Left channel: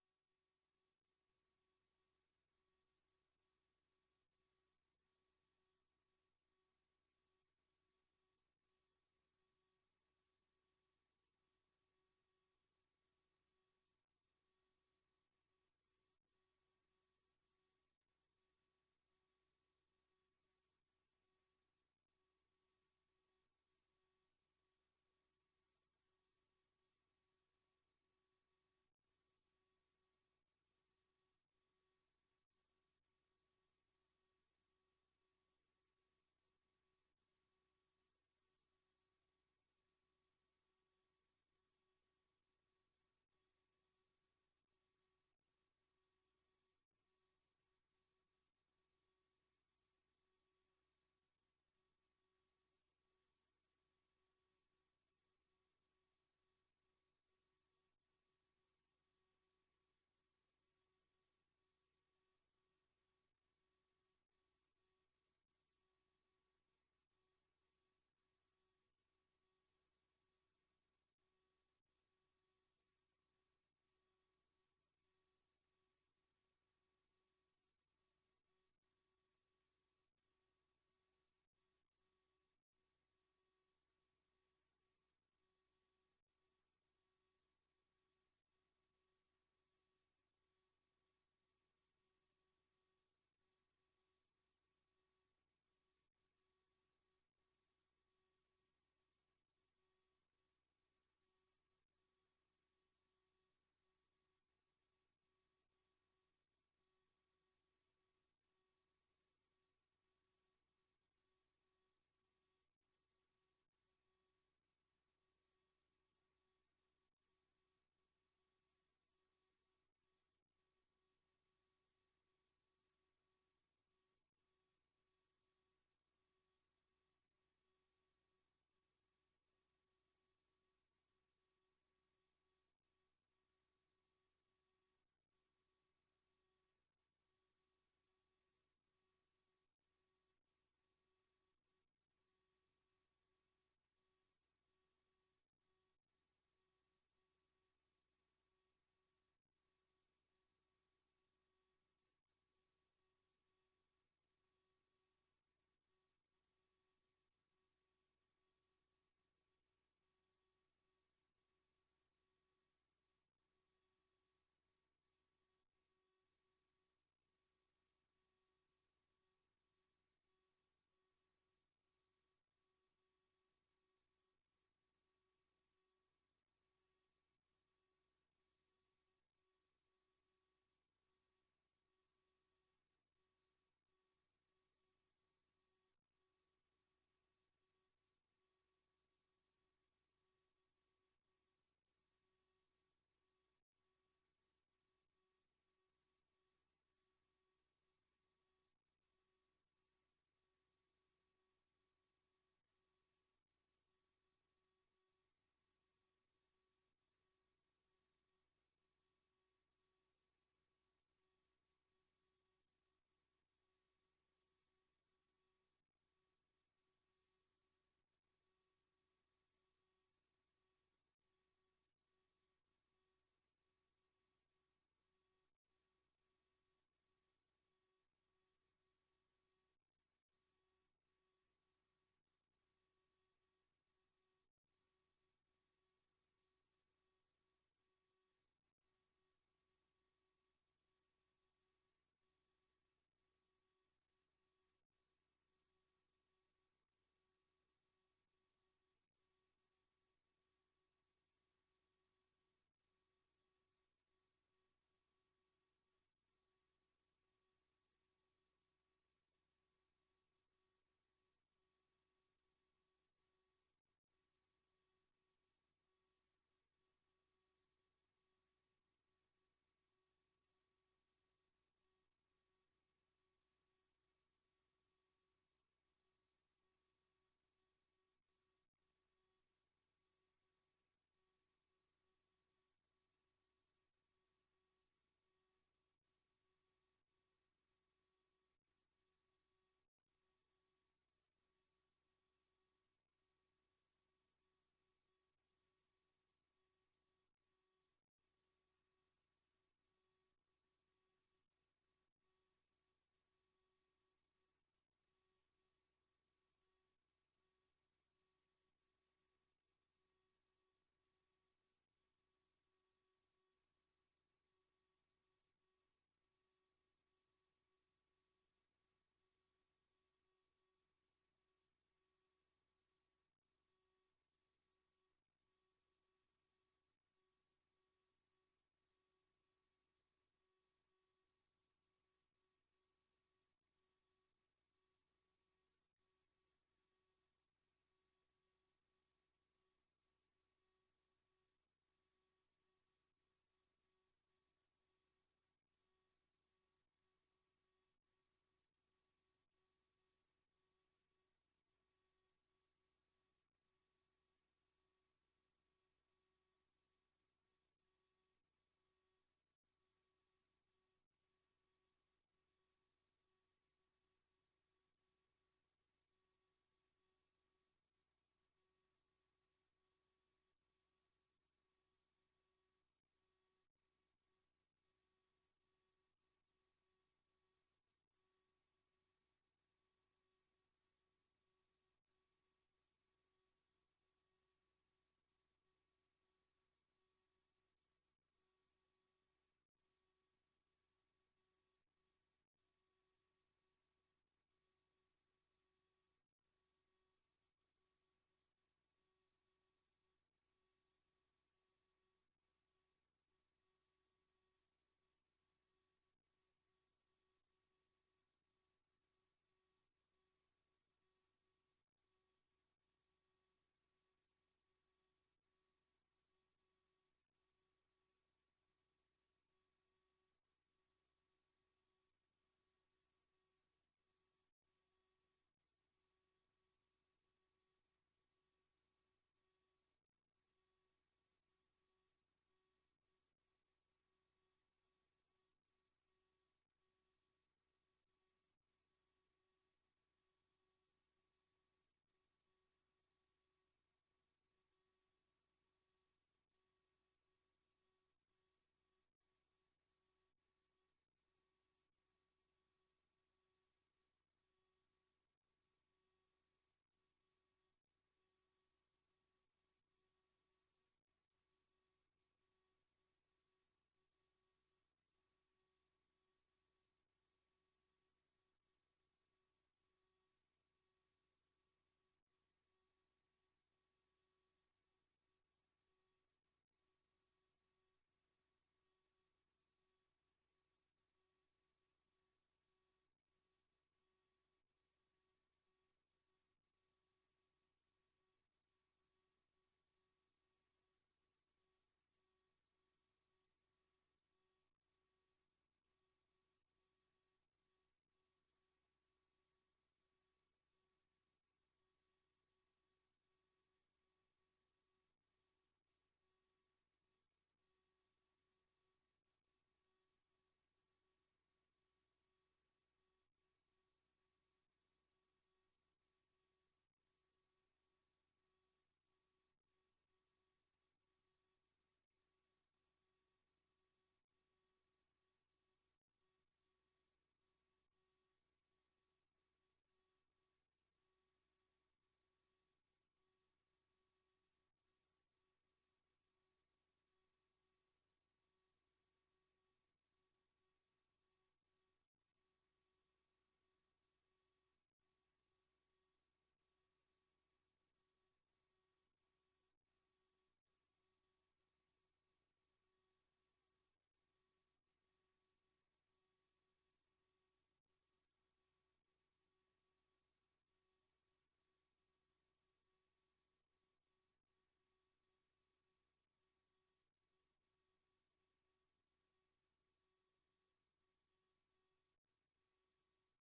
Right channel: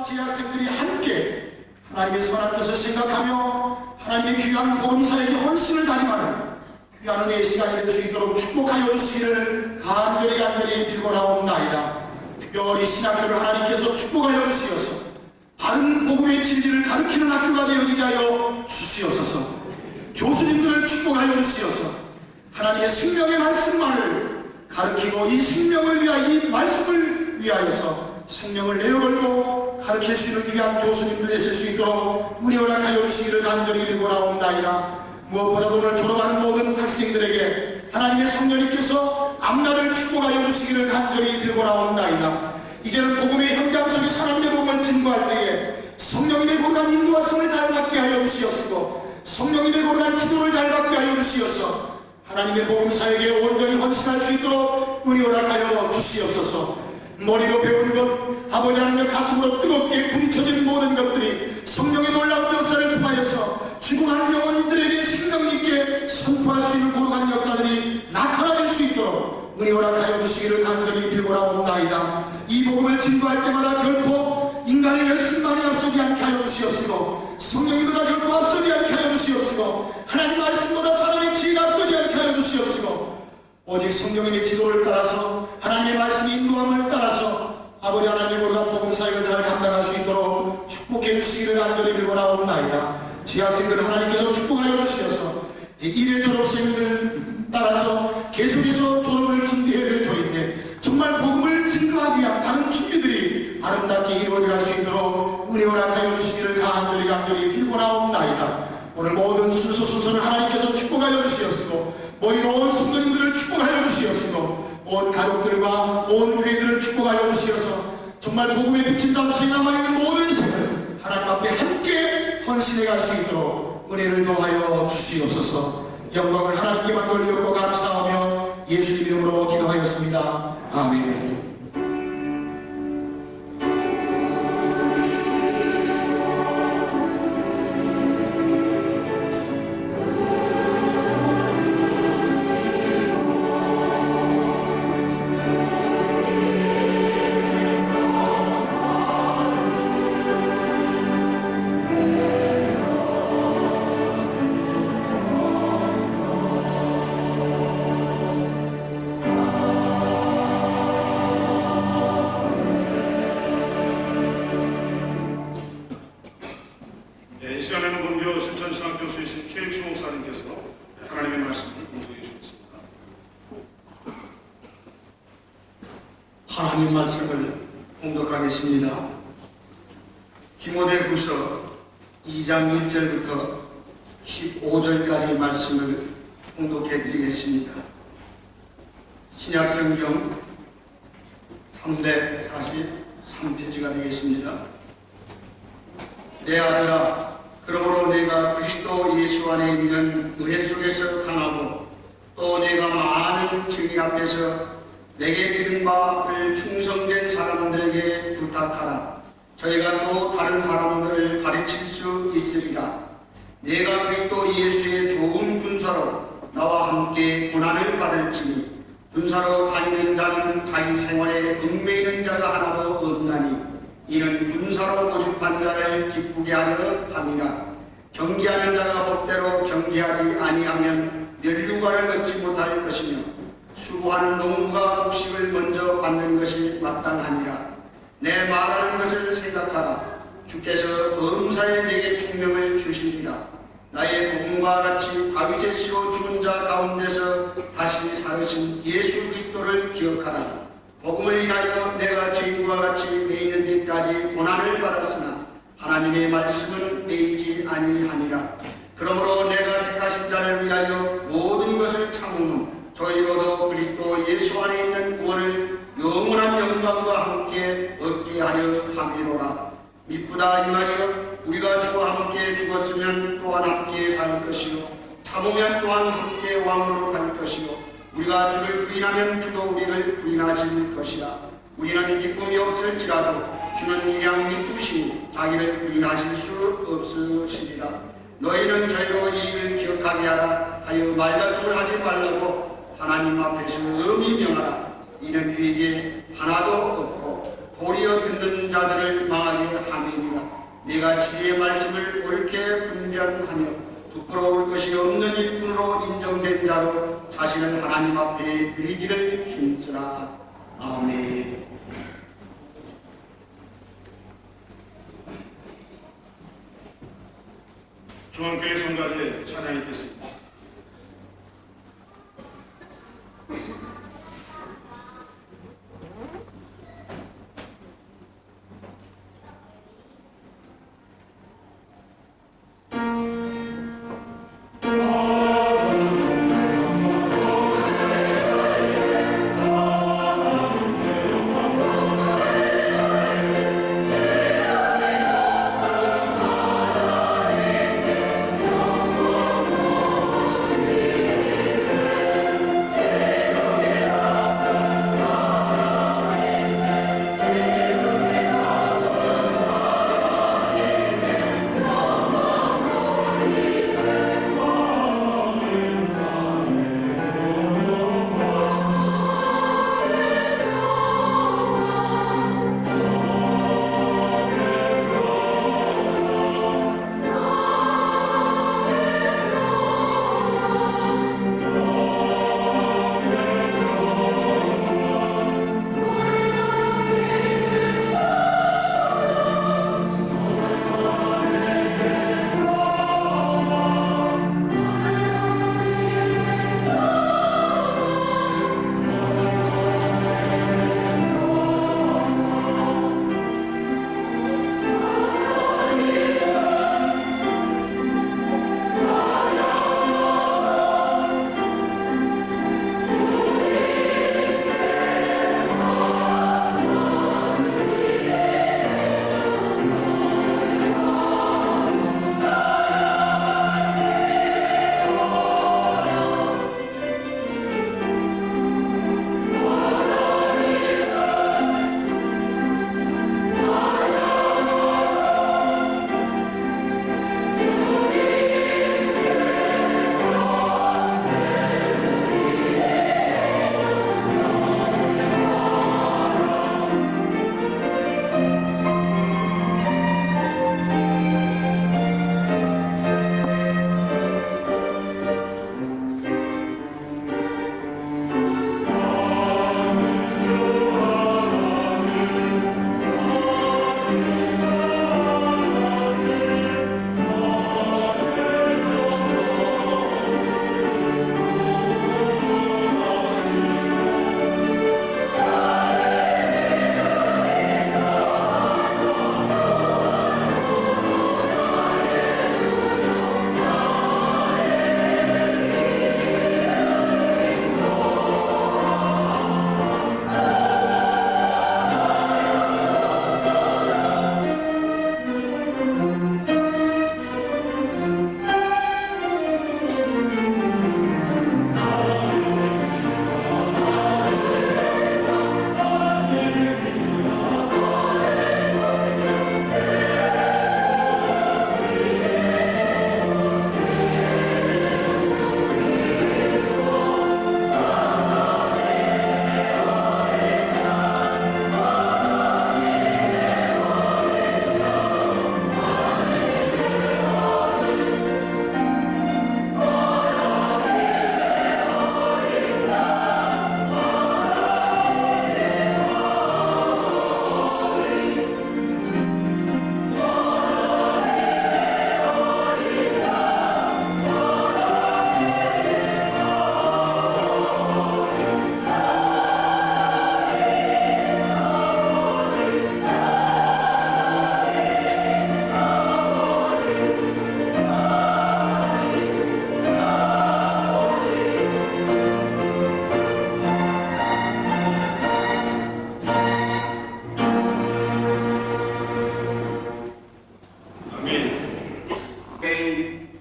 성도와 제학생들이 함께 하나님의 선한 뜻을 생각하며 하나님의 귀한 복음사에게 헌신을 다짐하는 귀한 은혜의 시간이 될 수 있도록 축복하여 주시기를 간절히 빌고나옵나이다. 특별히 신학교를 하나님께서 축복하여 주시어서 바른 복음의 진리를 가르치는 학교가 되어지게 하여 주시옵소서. 교수님들을 축복하여 주시어서 하나님의 생명의 말씀만을 가르치고 이 생명을 위하여 이 말씀을 위하여서 생명을 내어걸고 가르칠 수 있는 귀한 교수님들 되실 수 있도록 은혜 허락하여 주시기를 간절히 빌고나옵나이다. 무엇보다도 오늘 졸업하는 모든 학생들에게 하나님의 성령님께서 앞날을 축복하여 주시기를 간절히 빌고나옵나이다. 이제는 복음의 현장 속에서 하나님의 복음을 증거할 때에 성령님의 고르한 인도하심을 잘 받게 하여 주시옵시고 성령님의 고르한 지도를 잘 받게 하여 주시어서 하나님의 복음사에게 온전히 헌신할 수 있도록 은혜 허락하여 주시옵소서. 머리로 배우는 것, 아버지 하나님의 가슴으로 뜨겁게 부딪혀진 모든 것들이 성령의 놀라운 역사를 통하여서 죽어가는 영혼들에게 생명 있게 선포할 수 있는 고룩한 역사들이 나타나질 수 있도록 은혜 허락하여 주시기를 간절히 빌고나옵나이다. 이 복음을 증거할 때마다 결코 인간의 열심만이 앞서지 않게 하여 주시옵시고 성령님보다 결코 앞서지 않게 하여 주시옵시고 하나님 말씀보다 사람의 지혜가 앞서지 않게 하여 주시옵시고 오직 성령님의 지도를 따라서 하나님의 말씀의 인도함을 따라서 아버지 하나님의 거룩한 복음 사역을 잘 감당할 수 있도록 축복해 주시기를 간절히 빌고나옵나이다. 재학생들을 하나님께서 축복하여 주시어서 이제 1회 졸업생들 따라서 계속해서 졸업을 준비해야 될 터인데 정말 복음을 증거하기 위한 다른 준비들이 아름답게 이루어질 수 있도록 은혜 허락하여 주시기를 간절히 빌고나옵나이다. 오늘 모든 순서를 하나님께서 축복하여 주시옵시고 모인 온 성도님들을 축복하여 주시옵시고 온 가족들과 온 회들을 축복하여 주시어서 정말 복음의 빛인 자로서 남아있는 모든 생을 하나님 앞에 함께 헌신해 갈 수 있도록 은혜를 더하여 주시옵소서. 영광을 하나님께만 돌렸고 감사하며 예수님 이름으로 기도하였습니다. 아멘. 이 시간에는 본교 신천신학교 수이신 최익수 목사님께서 하나님의 말씀을 공부해 주셨습니다. 하나님 말씀을 공독하겠습니다. 디모데후서 2장 1절부터 15절까지 말씀을 공독해 드리겠습니다. 신약성경 343페이지가 되겠습니다. 내 아들아, 그러므로 내가 그리스도 예수 안에 있는 은혜 속에서 강하고 또 내가 많은 증인 앞에서 내게 들은 바를 충성된 사람들에게 부탁하라. 저희가 또 다른 사람들을 가르칠 수 있으리라. 내가 그리스도 예수의 좋은 군사로 나와 함께 고난을 받을지니 군사로 다니는 자는 자기 생활에 얽매이는 자가 하나도 없나니 이는 군사로 모집한 자를 기쁘게 하려 함이라. 경계하는 자가 법대로 경계하지 아니하면 면류관을 얻지 못할 것이며 수고하는 농부가 곡식을 먼저 받는 것이 마땅하니라. 내 말하는 것을 생각하라. 주께서 범사에 내게 총명을 주시리라. 나의 복음과 같이 다윗의 씨로 죽은 자 가운데서 다시 살으신 예수 그리스도를 기억하라. 복음을 인하여 내가 죄인과 같이 매이는 데까지 고난을 받았으나 하나님의 말씀은 매이지 아니하니라. 그러므로 내가 택하신 자를 위하여 모든 것을 참으면 저희로도 그리스도 예수 안에 있는 구원을 영원한 영광과 함께 얻게 하려 함이로라. 미쁘다 이 말이여, 우리가 주와 함께 죽었으면 또한 함께 살 것이요 참으면 또한 함께 왕으로 갈 것이요 우리가 주를 부인하면 주도 우리를 부인하실 것이라. 우리는 기쁨이 없을지라도 주는 일양 기쁘시니 자기를 부인하실 수 없으시리라. 너희는 저희로 이 일을 기억하게 하라. 하여 말다툼을 하지 말라고 하나님 앞에서 엄히 명하라. 이는 그에게 하나도 없고 도리어 듣는 자들을 망하게 네가 지혜의 말씀을 옳게 분별하며 부끄러울 것이 없는 일꾼으로 인정된 자로 자신을 하나님 앞에 드리기를 힘쓰라. 아멘. 중앙교회 성가대 찬양이 있겠습니다.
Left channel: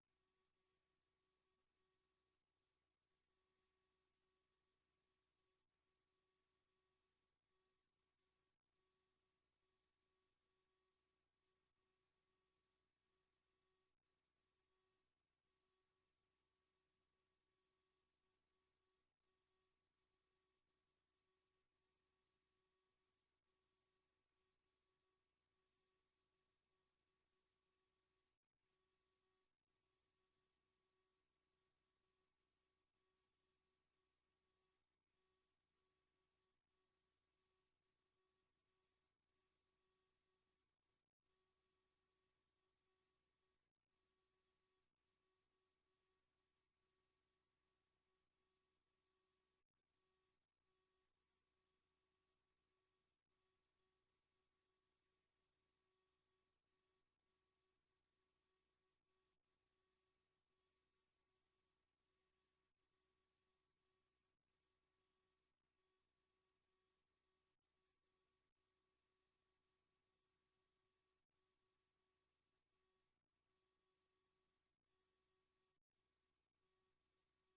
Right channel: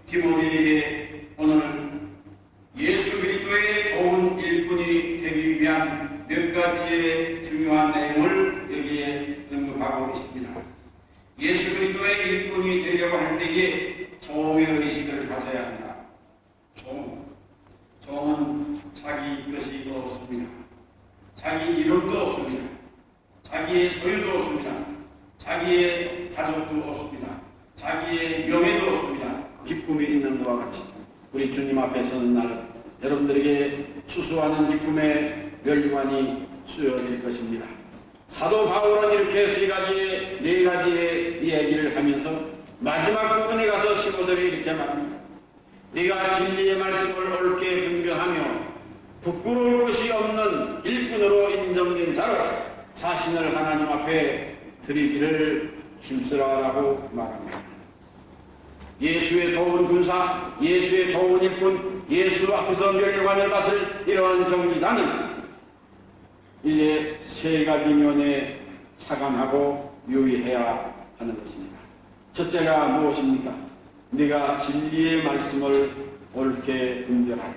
디모데에게 오늘 예수 그리스도의 좋은 일꾼이 되기 위한 몇 가지의 중요한 내용을 여기에 언급하고 있습니다. 예수 그리스도의 일꾼이 되려고 할 때에 종의 의식을 가져야 한다. 종은 자기 것이 없습니다. 자기 이름도 없습니다. 자기의 소유도 없습니다. 자기의 가족도 없습니다. 자기의 명예도 없습니다. 기쁨이 있는 것과 같이 우리 주님 앞에 서는 날 여러분들에게 수수하는 기쁨의 멸관이 쏘여질 것입니다. 사도 바울은 이렇게 네 가지의 이야기를 하면서 마지막 부분에 가서 시고들이 이렇게 말합니다. 네가 진리의 말씀을 옳게 분별하며 부끄러울 것이 없는 일꾼으로 인정된 자로 자신을 하나님 앞에 드리기를 힘쓰라라고 말합니다. 예수의 좋은 군사, 예수의 좋은 일꾼, 예수 앞에서 멸관을 받을 이러한 경기자는 이제 세 가지 면에 차감하고 유의해야 하는 것입니다. 첫째가 무엇입니까? 네가 진리의 말씀을 옳게 분별하라.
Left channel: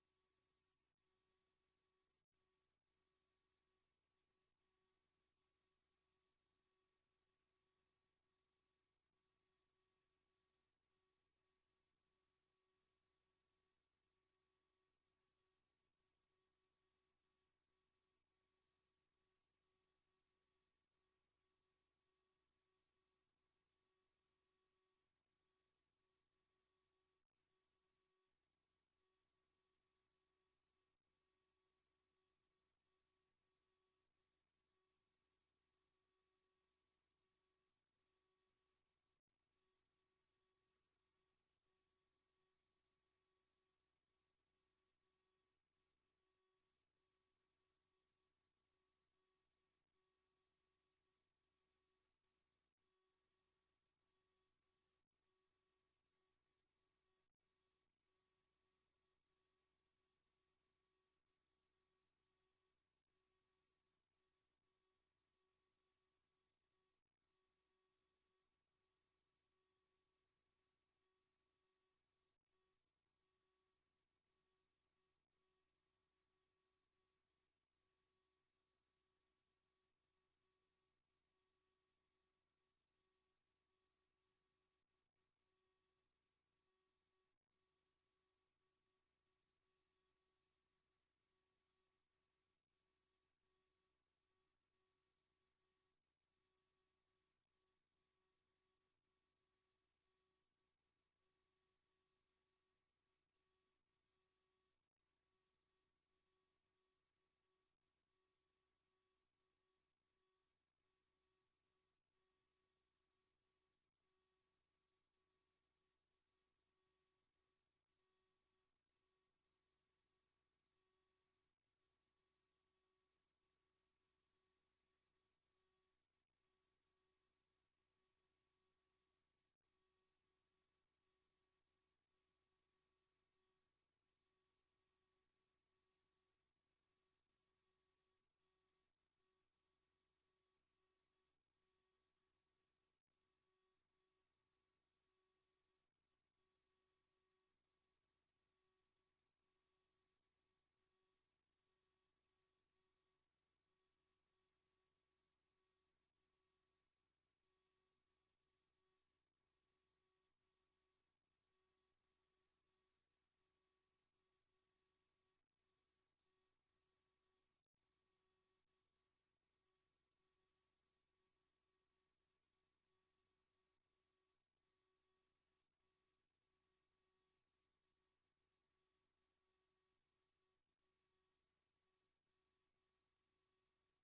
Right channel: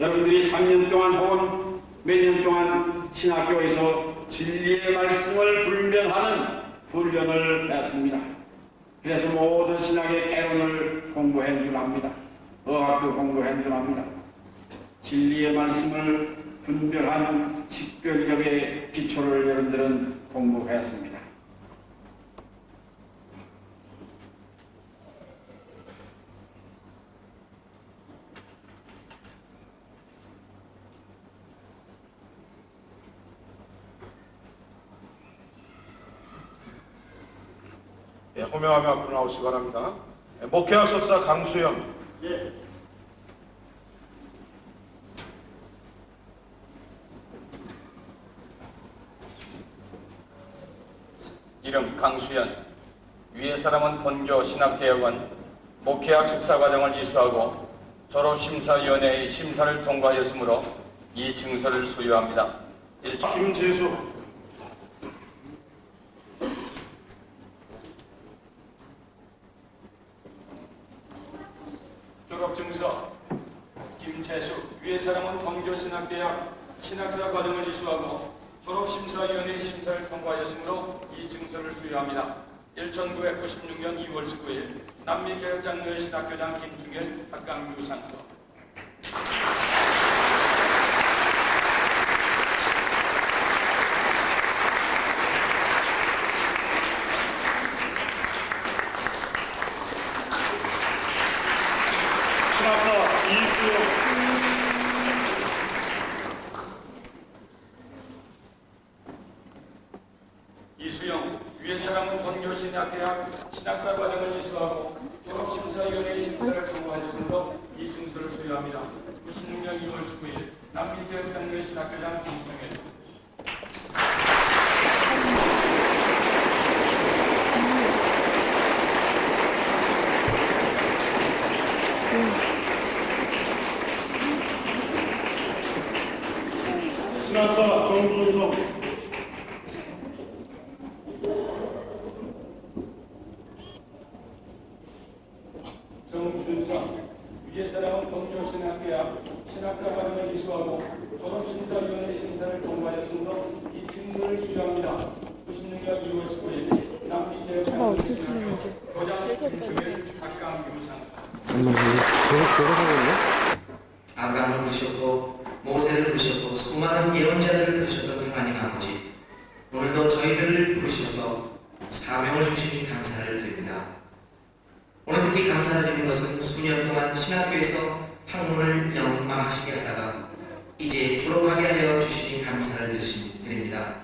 여러분들이 3년 동안 혹은 몇 년 동안 신학교에서 진리의 말씀을 분별하는 훈련을 했습니다. 그래서 모든 신학의 개론을 공부해 줄 압니다. 어학도 공부해 줄 압니다. 진리의 말씀을 분별하는 식별력의 기초를 여러분들은 공부했습니다. 예, 호명하며 앞으로 나오시기 바랍니다. 예, 목회학 석사 강수영. 예. 이름 강수연, 위의 사람은 본교 신학대학원 목회학 석사과정을 이수하고 졸업심사위원회의 심사를 통과하였으므로 이 증서를 소유합니다. 김재수. 졸업증서 김재수, 위의 사람은 본교신학대학 신학사 과정을 이수하고 졸업심사위원회 심사를 통과하였으므로 이 증서를 수여합니다. 1996년 2월 19일 남미개혁장로회 신학교장 김충일 학강부 상소. 신학사 이수영. 이수영, 위의 사람은 본교신학대학 신학사 과정을 이수하고 졸업심사위원회 심사를 통과하였으므로 이 증서를 수여합니다. 96년 2월 19일 남미개혁장로회 신학교장 김충일. 신학사 정준성. 정준성, 위의 사람은 본교신학대학 신학사 과정을 이수하고 졸업심사위원회 심사를 통과하였으므로 이 증서를 수여합니다. 96년 2월 19일 남미개혁장로회 신학교 교장 김충일 학강부 상소. 아브라함을 부르셨고 모세를 부르셨고 수많은 예언자들을 부르셨던 하나님 아버지, 오늘도 저희들을 부르셔서 사명을 주시니 감사를 드립니다. 오늘 특히 감사드리는 것은 수년 동안 신학교에서 학문을 영망하시게 하다가 이제 졸업하게 하여 주시니 감사를 드립니다.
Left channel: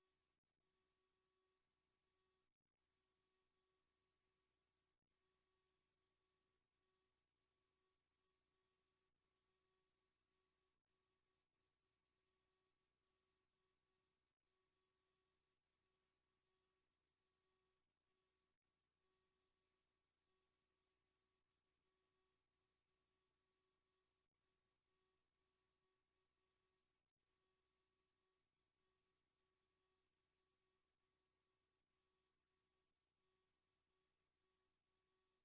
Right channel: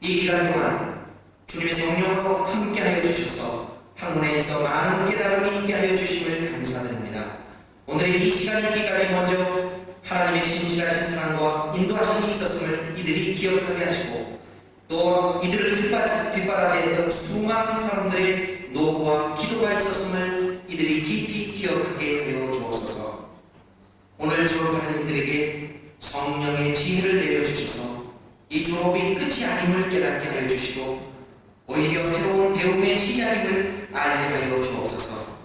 이 기간 동안 주님의 성령으로 함께하여 주셔서 학문에 있어 많은 깨달음이 있게 하여 주심을 감사드립니다. 오늘의 이 시간이 있기까지 먼저 하나님의 신실하신 사랑과 인도하심이 있었음을 이들이 기억하게 하시고, 또 이들을 뒷바라지했던 수많은 사람들의 노고와 기도가 있었음을 이들이 깊이 기억하게 하여 주옵소서. 오늘 졸업하는 이들에게 성령의 지혜를 내려주셔서 이 졸업이 끝이 아님을 깨닫게 하여 주시고, 오히려 새로운 배움의 시작임을 알게 하여 주옵소서.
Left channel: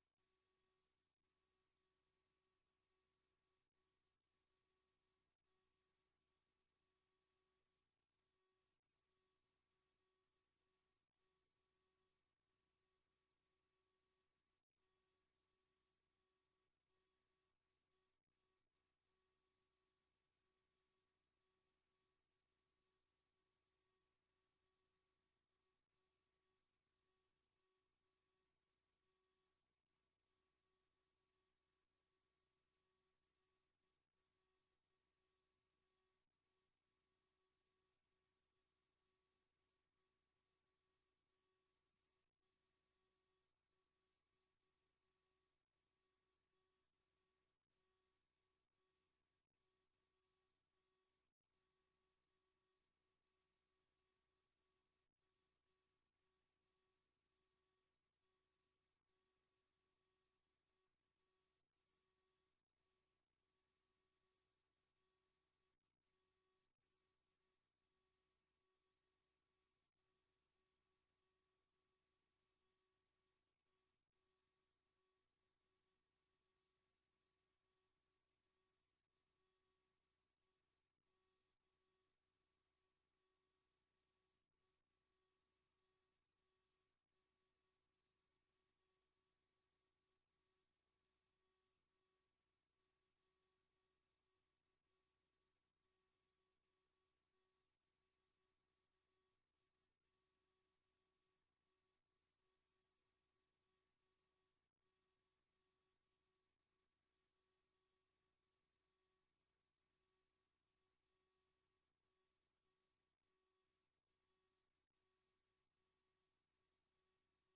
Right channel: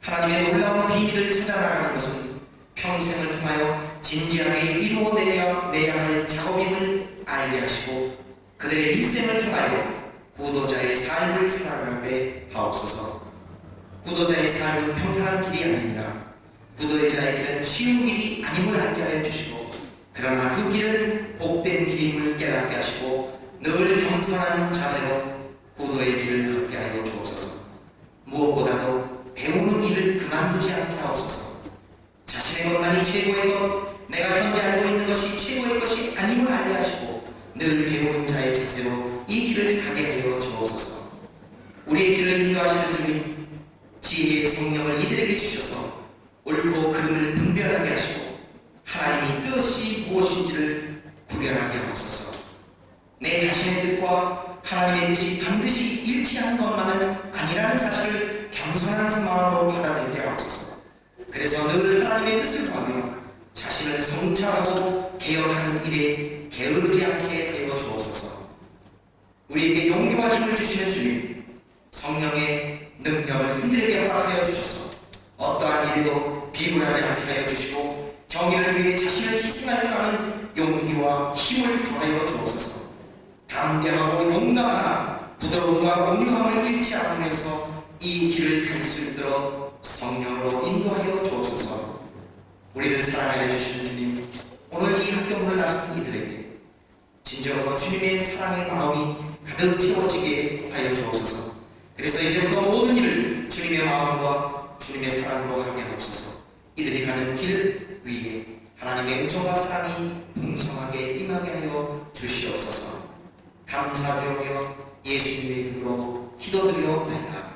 하나님의 놀라운 비밀을 찾아나가는 것은 평생을 통하여 진지하게 이루어내야 할 작업임을 알게 하시고, 그들의 일생을 통하여 구도자의 삶을 살아가게 하옵소서. 구도자의 삶은 평탄한 길이 아닙니다. 구도자의 길은 쉬운 길이 아님을 알게 하여 주시고, 그러나 그 길은 복된 길임을 깨닫게 하시고 늘 겸손한 자세로 구도의 길을 걷게 하여 아니라는 사실을 겸손한 마음으로 받아들이게 하옵소서. 그래서 늘 하나님의 뜻을 구하며 자신을 성찰하고 개혁하는 일에 게으르지 않게 하여 주옵소서. 우리에게 용기와 힘을 주시는 주님, 성령의 능력을 이들에게 허락하여 주셔서 어떠한 일에도 비굴하지 않게 하여 주시고 정의를 위해 자신을 희생할 줄 아는 용기와 힘을 더하여 주옵소서. 담대하고 용감하나 부드러움과 온유함을 잃지 않으면서 이 길을 갈 수 있도록 성령으로 인도하여 주옵소서. 우리를 사랑하여 주시는 주님, 오늘 이 학교문을 나선 이들에게 진정으로 주님의 사랑의 마음이 가득 채워지게 하여 주옵소서. 그래서 이제부터 모든 일을 주님의 마음과 주님의 사랑으로 하게 하옵소서. 이들이 가는 길 위에 하나님의 은총과 사랑이 풍성하게 임하게 하여 주시옵소서. 감사드리며 예수님의 이름으로 기도드리옵나이다.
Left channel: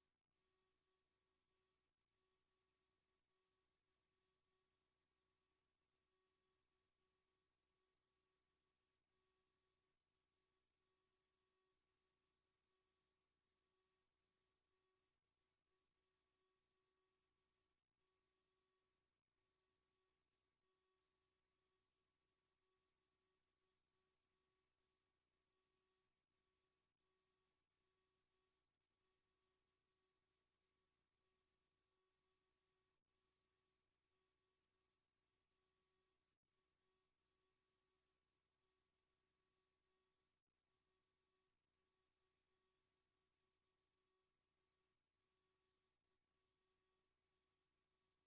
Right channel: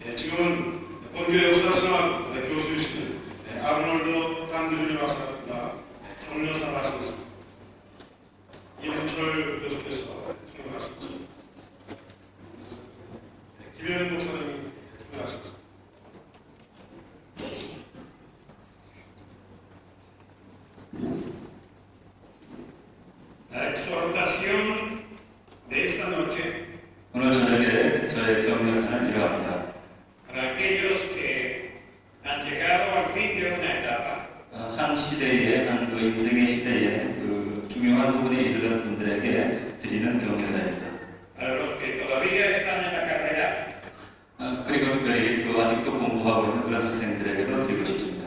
네, 지금은 본교 역사신학 교수이시는 아르놀드 깐드르니 박사가 경려사를 하시겠습니다. 이현철 교수께서 통역하시겠습니다. 김현은 목사님이 통역하시겠습니다. La exhortación de esta noche 오늘 저녁에 저의 경려사는 이러합니다. para aquellos que han llegado al fin de una etapa 한 시대에 한 인생의 시대에 중요한 부분에 이르는 분들에게 드리는 경려사입니다. para los que todavía están en la carrera 그리고 특별히 또 아직도 공부하고 있는 그런 학생들에게도 드리고 싶습니다.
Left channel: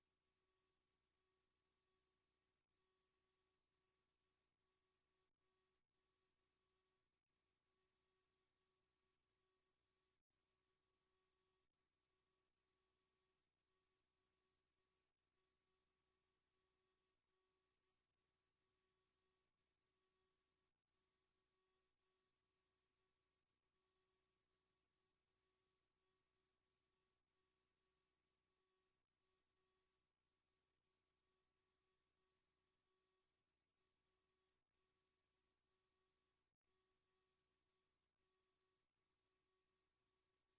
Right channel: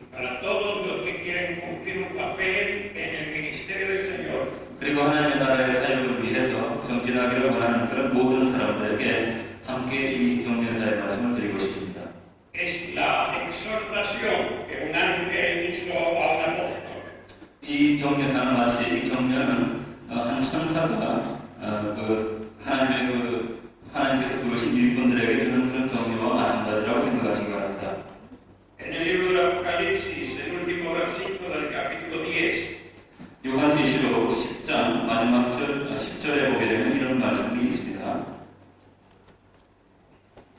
y para todos los que quieren cumplir un papel en el ministerio del Señor. 그리고 하나님의 나라의 사역을 위해서 정진하기를 원하는 그런 모든 사람들에게 함께 이 경려사의 말씀을 드리고 싶습니다. Es la exhortación que un ángel hizo a un apóstol. 이 경례사는 마치 이 경례는 한 천사가 하나님께서 부르신 일꾼들에게 주는 그런 경례와 마찬가지라고 생각하시기 바랍니다. En el libro del Apocalipsis, el último versículo del capítulo 10, 요한계시록 10장 마지막 절 10절에 보게 되면 이런 말씀이 있습니다.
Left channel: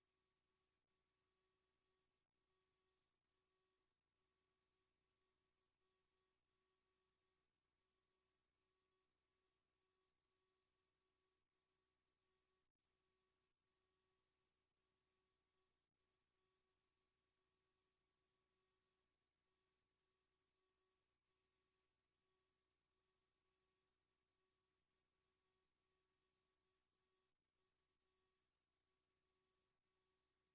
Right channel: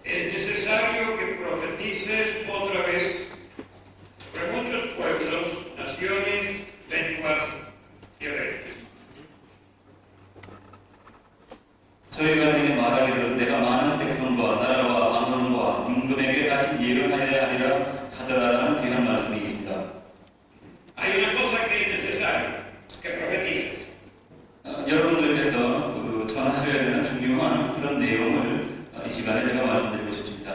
es necesario que profetices otra vez sobre muchos pueblos, naciones, lenguas y reyes. 저희가 내게 말하기를 내가 많은 백성과 나라와 방언과 임금에게 다시 예언하여야 하리라 하더라라는 귀한 말씀이 있습니다. Hay una cosa que es necesario, que profetices. 여러분들께서 전하셔야 되는 중요한 그런 내용을 이 시간에 제가 말씀드리고 싶습니다.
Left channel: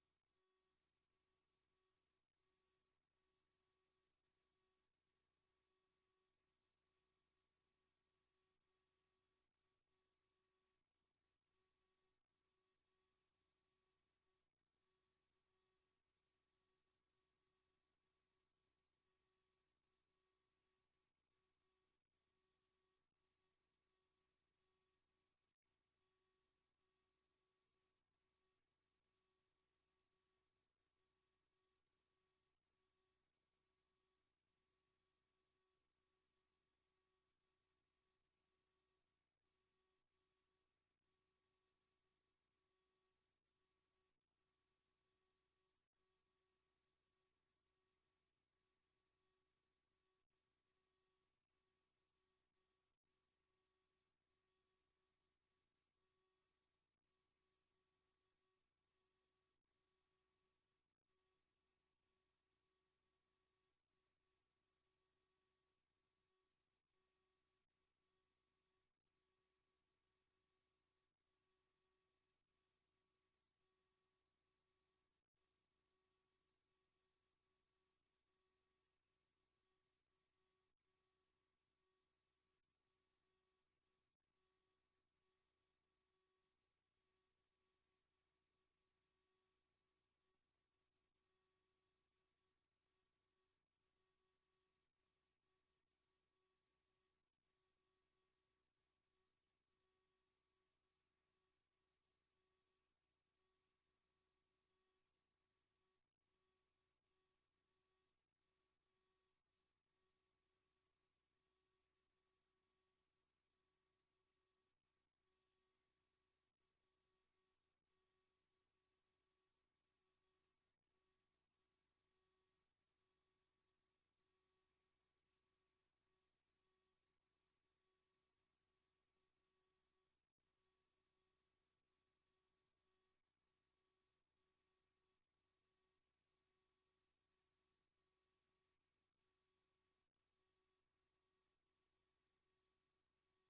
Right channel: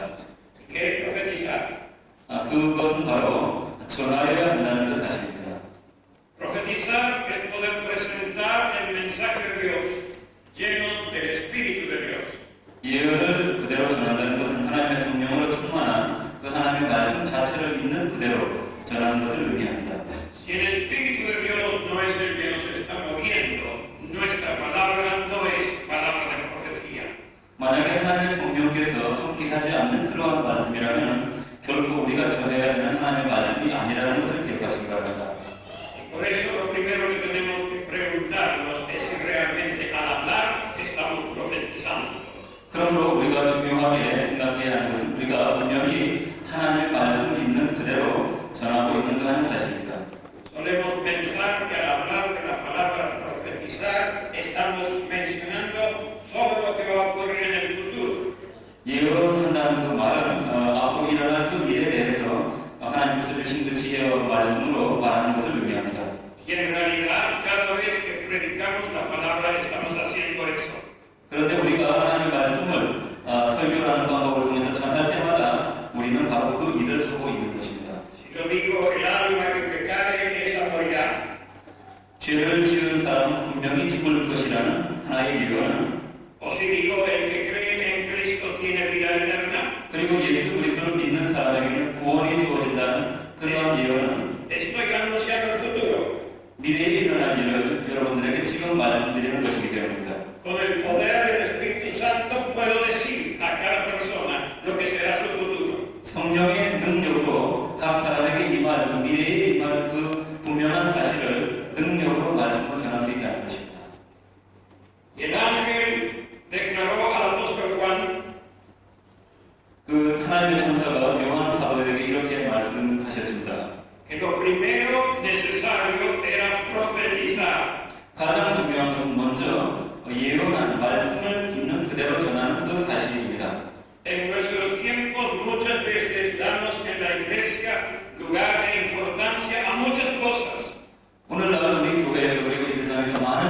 ¿Qué es profetizar? 그것은 바로 전하여야 한다는 그 사실입니다. Profetizar es poder presentar el mensaje de Dios llenos del Espíritu de Dios. 예언을 그대로 전한다는 것은 하나님의 성령으로 충만한 그 하나님의 말씀 자체를 있는 그대로 전하는 것을 의미합니다. Si el Espíritu de Dios no es el que nos está moviendo, nuestra palabra no es palabra de profecía. 만약에 하나님의 성령께서 함께하지 않는 그러한 말씀이라면 결코 우리가 전해야 되는 하나님의 말씀이 아니라는 것을 기억하시기 바랍니다. Y por eso lo primero que tenemos que preguntarnos es si realmente al hablar estamos profetizando. 그러므로 우리가 중요하게 생각해야 하는 것은 우리가 분명히 하나님의 말씀이 있는 그대로 전하고 있는가 하는 사실입니다. Solemos pensar que al hablar de la palabra profetizar estamos mencionando sobre lo que va a ocurrir en el futuro. 예언한다는 그 말은 앞으로 일어날 그 일에 대해서 하나님께서 주신 그 지혜와 말씀으로 말하는 것을 의미합니다. Y en realidad cada vez que predicamos la palabra estamos haciendo eso. 그런데 우리가 하나님의 말씀을 설교라는 방법을 통해서 전할 때마다 우리는 바로 그 일을 하고 있는 것입니다. Si yo digo el alma que pecare esa morirá. 죄를 지은 사람은 분명히 죽을 것이라는 하나의 예언은 O si digo el que cree en Cristo tiene vida eterna. 그리고 예수 그리스도를 믿는 사람에게는 구원이 주어진다는 그러한 예언은 Estoy anunciando el futuro. 미래에 일어날 일을 여러분들에게 지금 말씀드리는 것이기 때문입니다. Con el poder del Espíritu Santo puedo decir a cada persona lo que será su futuro. 성령의 능력으로 각 사람에게 임할 미래에 임할 그 분명한 사실을 능력으로 말씀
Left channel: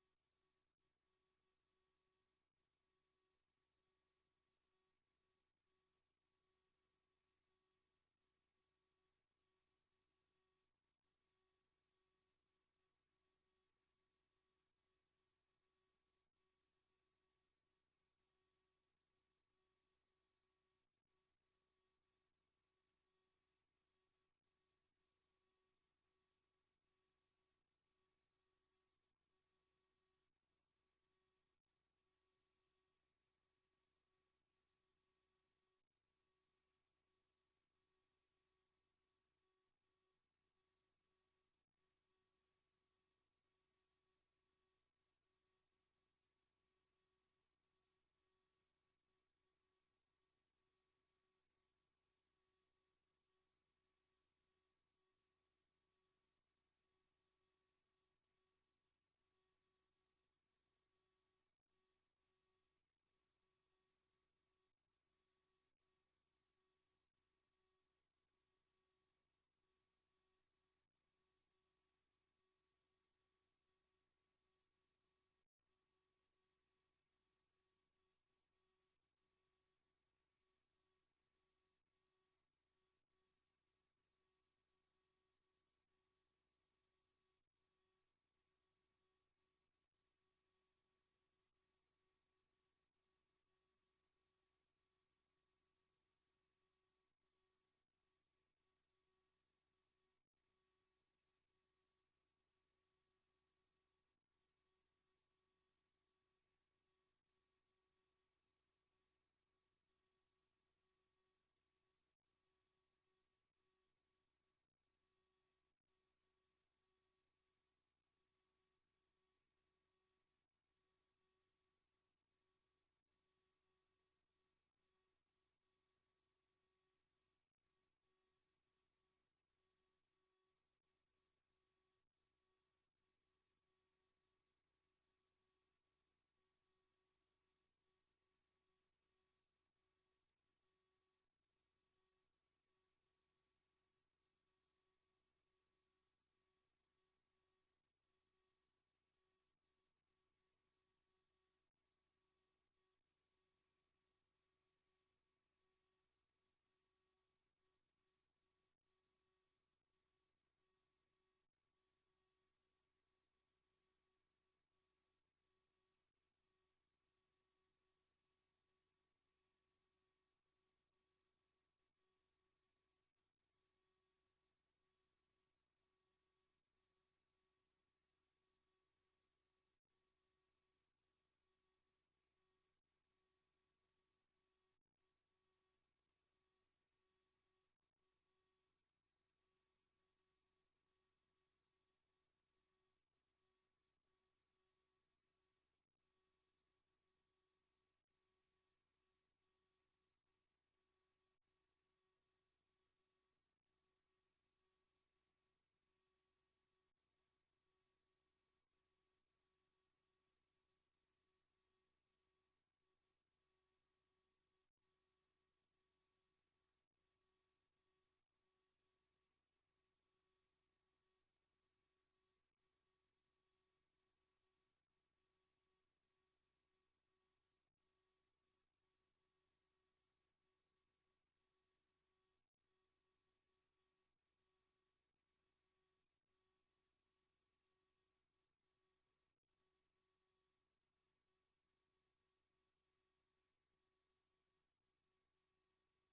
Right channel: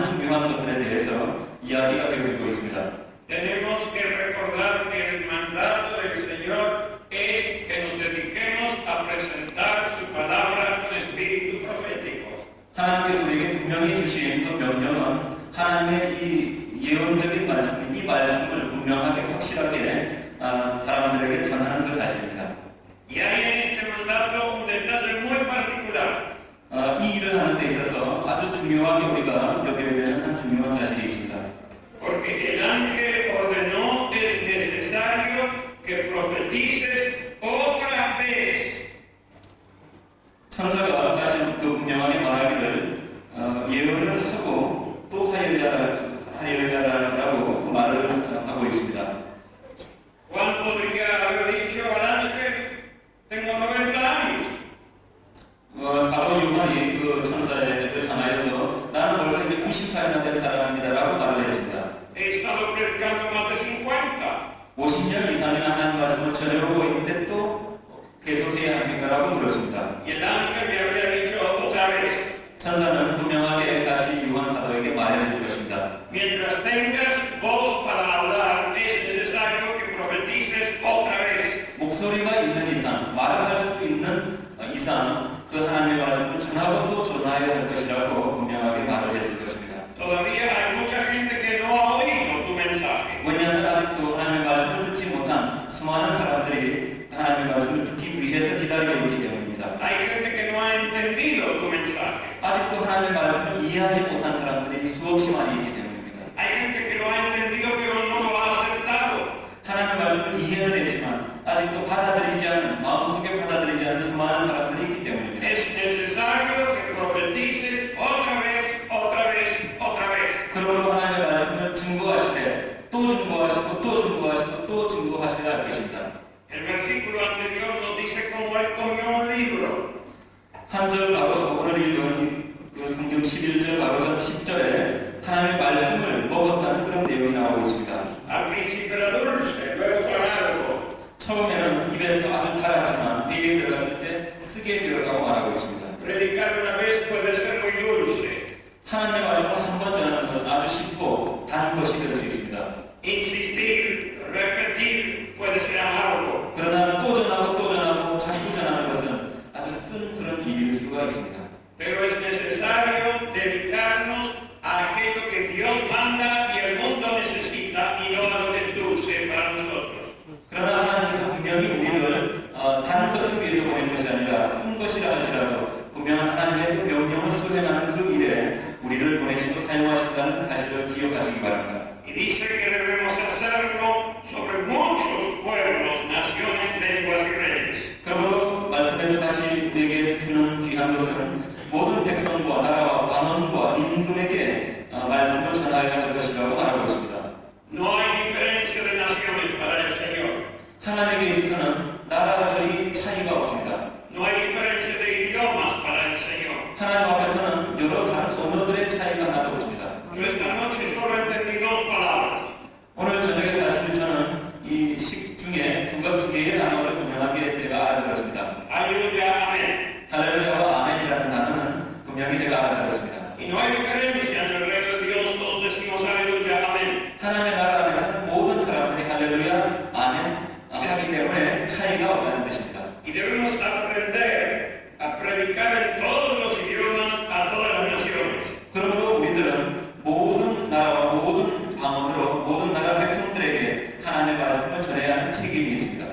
중요한 것들에 대해서 이야기가 되어지고 있습니다. Tenemos que recordar que el mandato del Señor es que nos dediquemos a presentar su palabra con espíritu profético. 하나님께서 우리에게 분명히 주신 그 명령은 하나님의 이 예언적인 말씀, 이 말씀을 분명하게 확실하게 사람들에게 전하는 그 사실입니다. Y hay en este mandato un detalle muy particular. 이 일을 하는 데 있어서 아주 중요하게 우리가 여겨야 되는 한 중요한 사실이 있습니다. Porque el ángel ordenó, es necesario que profetices otra vez. 천사가 다시 그 분명하게 말하기를 예언을 하고 또 하여야라고 말을 하고 있습니다. Juan podría haber dicho al ángel, tengo 90 años. 사도 요한이 그 천사를 향하여서 나는 벌써 이제 90살이나 된 사람입니다라고 말을 했습니다. He estado predicando más de 50. 50년 이상이나 하나님 말씀을 전해오고 있는데 또 계속해야 합니까라고 물었습니다. Y el ángel le habría dicho otra vez, 천사는 분명하게 다시 요한 사도에게 말했을 것입니다. mientras tengas voz para hablar, es necesario que profetices otra vez. 목소리가 있는 이상, 말을 할 수 있는 이상 그 하나님의 말씀을 전하고 또 전하여야 할 것이라고 분명하게 말을 했을 것입니다. Todavía hay mucha gente que no ha oído tu mensaje. 왜냐하면 아직도 하나님의 말씀을 듣지 못한 수많은 사람들이 하나님의 말씀을 듣기 위해서 기다리고 있기 때문입니다. Hay gente que no ha entendido tu mensaje. 아직도 하나님의 말씀을 이해하지 못한 사람들이 수없이 많이 있기 때문입니다. Hay gente que lo ha entendido pero no lo ha aceptado. 하나님의 말씀을 이해는 했지만 아직도 받아들이지 않는, 마음속에 받아들이지 않는 수많은 사람들이 있기 때문입니다. Es necesario que profetices otra vez, otra vez, otra vez. 그러므로 하나님의 말씀을 증거하시되 또 증거하시고 또 증거하시고 또 증거하셔야 할 것입니다. El versículo anterior nos dice cómo él comió un libro. 한 절 바로 오늘 읽은 그 성경 11절 바로 전 10절에 하나님의 말씀을 먹었다는 그런 내용이 나오고 있습니다. Al principio era dulce, luego amargo. 처음에는 입에서 아주 달았지만 뇌에 들어갔을 때 쓰게 되었다고 말하고 있습니다. Predicar una vez puede ser muy dulce. 하나님의 말씀을 한 번 전하는 것은 아주 쉽고 단 것이 될 수 있습니다. Insistir, repetir puede ser amargo. 그러나 또 전하고 자꾸 전하는 것은 아주 쓴 그런 일일 수가 있습니다. Pero es necesario dedicarnos a aquello que Dios manda y el mundo necesita y no a lo que es dulce para nosotros. 그러나 하나님께서 분명히 우리를 단 것을 위해서 보낸 것이 아니라 쓴 것이라 할지라도 분명 하나님의 그 명령을 수행하는 그 일에 우리를 보내시고 사용하신다는 사실을 기억하시기 바랍니다. Y dice que debemos hacerlo sobre muchos pueblos, naciones, lenguas y reyes. 그러므로 말씀에서 다시 우리에게 주는 귀한 것은 모든 백성과 나라와 방언과 임금에게 말씀을 전하여야 할 것이라고 말하고 있습니다. No hay diferencia de naciones para el Señor. 하나님에게 있어서는 나라들이 차이가 없습니다. No hay diferencia de idiomas para el Señor. 하나님 앞에서는 여러 다른 언어들의 차이가 하나도 없습니다. Yo esta noche solo entendí dos palabras. 오늘 저녁에 사실 저는 이 식 중에 두 개의 단어를 분명하게 제가 알아들었습니다. Aleluya, amén. 할렐루야와 아멘이라는 단어는 분명히 제가 알아들었습니다. Y no hay diferencia en el reino de Dios, todos decimos aleluya, amén. 하나님의 나라 안에서는 모든 사람들이 할렐루야, 아멘 하기 때문에 차이가 없다는 뜻입니다. Y debemos aprender a predicar en todos los idiomas a todas las naciones. 그러므로 우리들은 모든 나라와 모든 방언으로 모든 나라 백성들에게 하나님의 말씀을 전해야 하는 책임이 있습니다.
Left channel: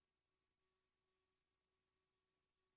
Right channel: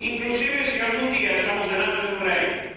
Inclusive si algún día estamos delante de un rey,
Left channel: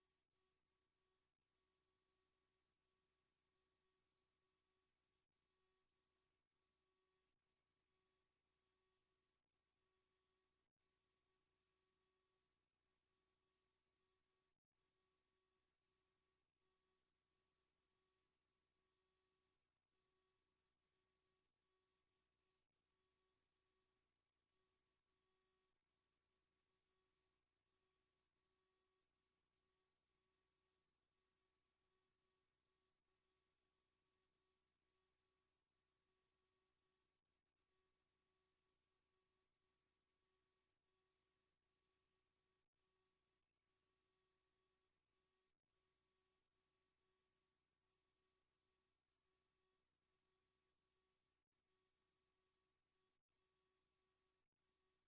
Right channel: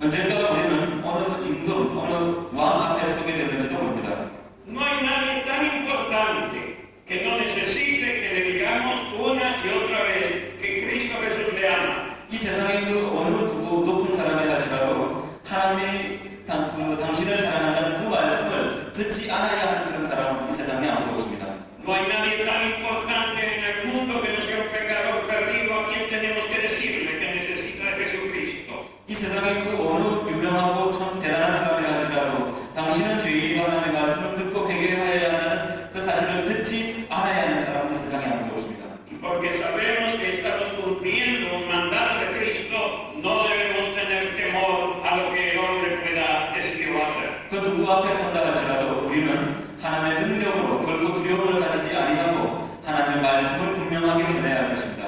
언젠가 우리는 어느 임금, 어느 왕 앞에 서게 되는지도 모릅니다. no hay nadie tan importante que no necesite que le digamos una y otra vez que Cristo Jesús le ama. 이 세상에 그 어느 누구 높은 사람이 할지라도 하나님이 당신을 사랑한다는 그 말씀을 듣지 않아야 하는 그런 사람은 이 세상에 아무도 없습니다. No hay nadie tan importante en el mundo que no sea un pecador perdido a quien tenemos que decirle que necesita de Jesucristo. 이 세상에 그 어느 유명하고 참 대단한 사람이 할지라도 당신은 죄인이고 하나님의 말씀을 듣고 회개하여야 한다는 그 사실을 듣지 않아야 하는 사람은 이 세상에 아무도 없습니다. Y porque sabemos que estamos cumpliendo un mandato de Cristo, no debemos tener temor a lo que el hombre pueda decir o hacer. 그 누구 앞에 선다 할지라도 우리 우리는 하나님의 능력으로 결코 두려움을 가지지 아니하고 하나님의 말씀을 분명하게 전해야 할 것입니다.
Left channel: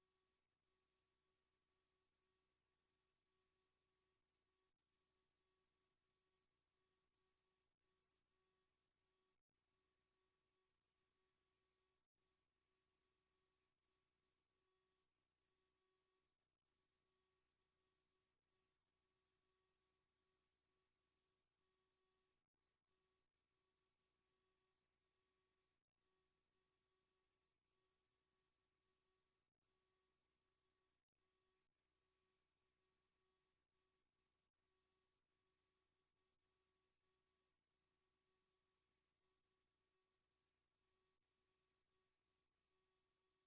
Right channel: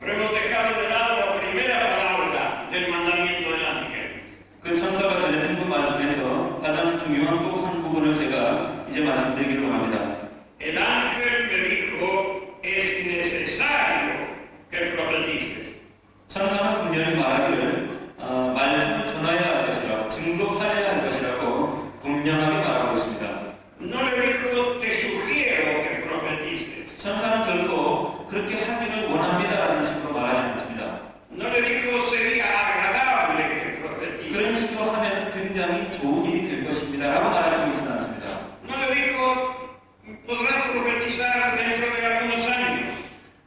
Pero hemos dejado de lado la primera palabra del mandamiento del ángel. 그 천사가 전해준 그 말씀에서 가장 중요한 또 한 부분을 제가 이제 말씀드리기를 원합니다. El ángel me dijo, es necesario que profetices. 천사는 분명히 말하기를 말씀을 전하여야 할 것이라고 증거하여야 할 것이라고 분명하게 말하고 있습니다. No le dijo, te sugiero que profetices. 천사는 결코 그렇게 하기를 원합니다라는 식으로 말하지 않습니다. No le dijo, sería agradable que 그런 profetices. 식으로 하면 굉장히 좋은 일이 될 것입니다라고 말하고 있지는 않습니다. No le dijo, podrás profetizar dentro de algunos años.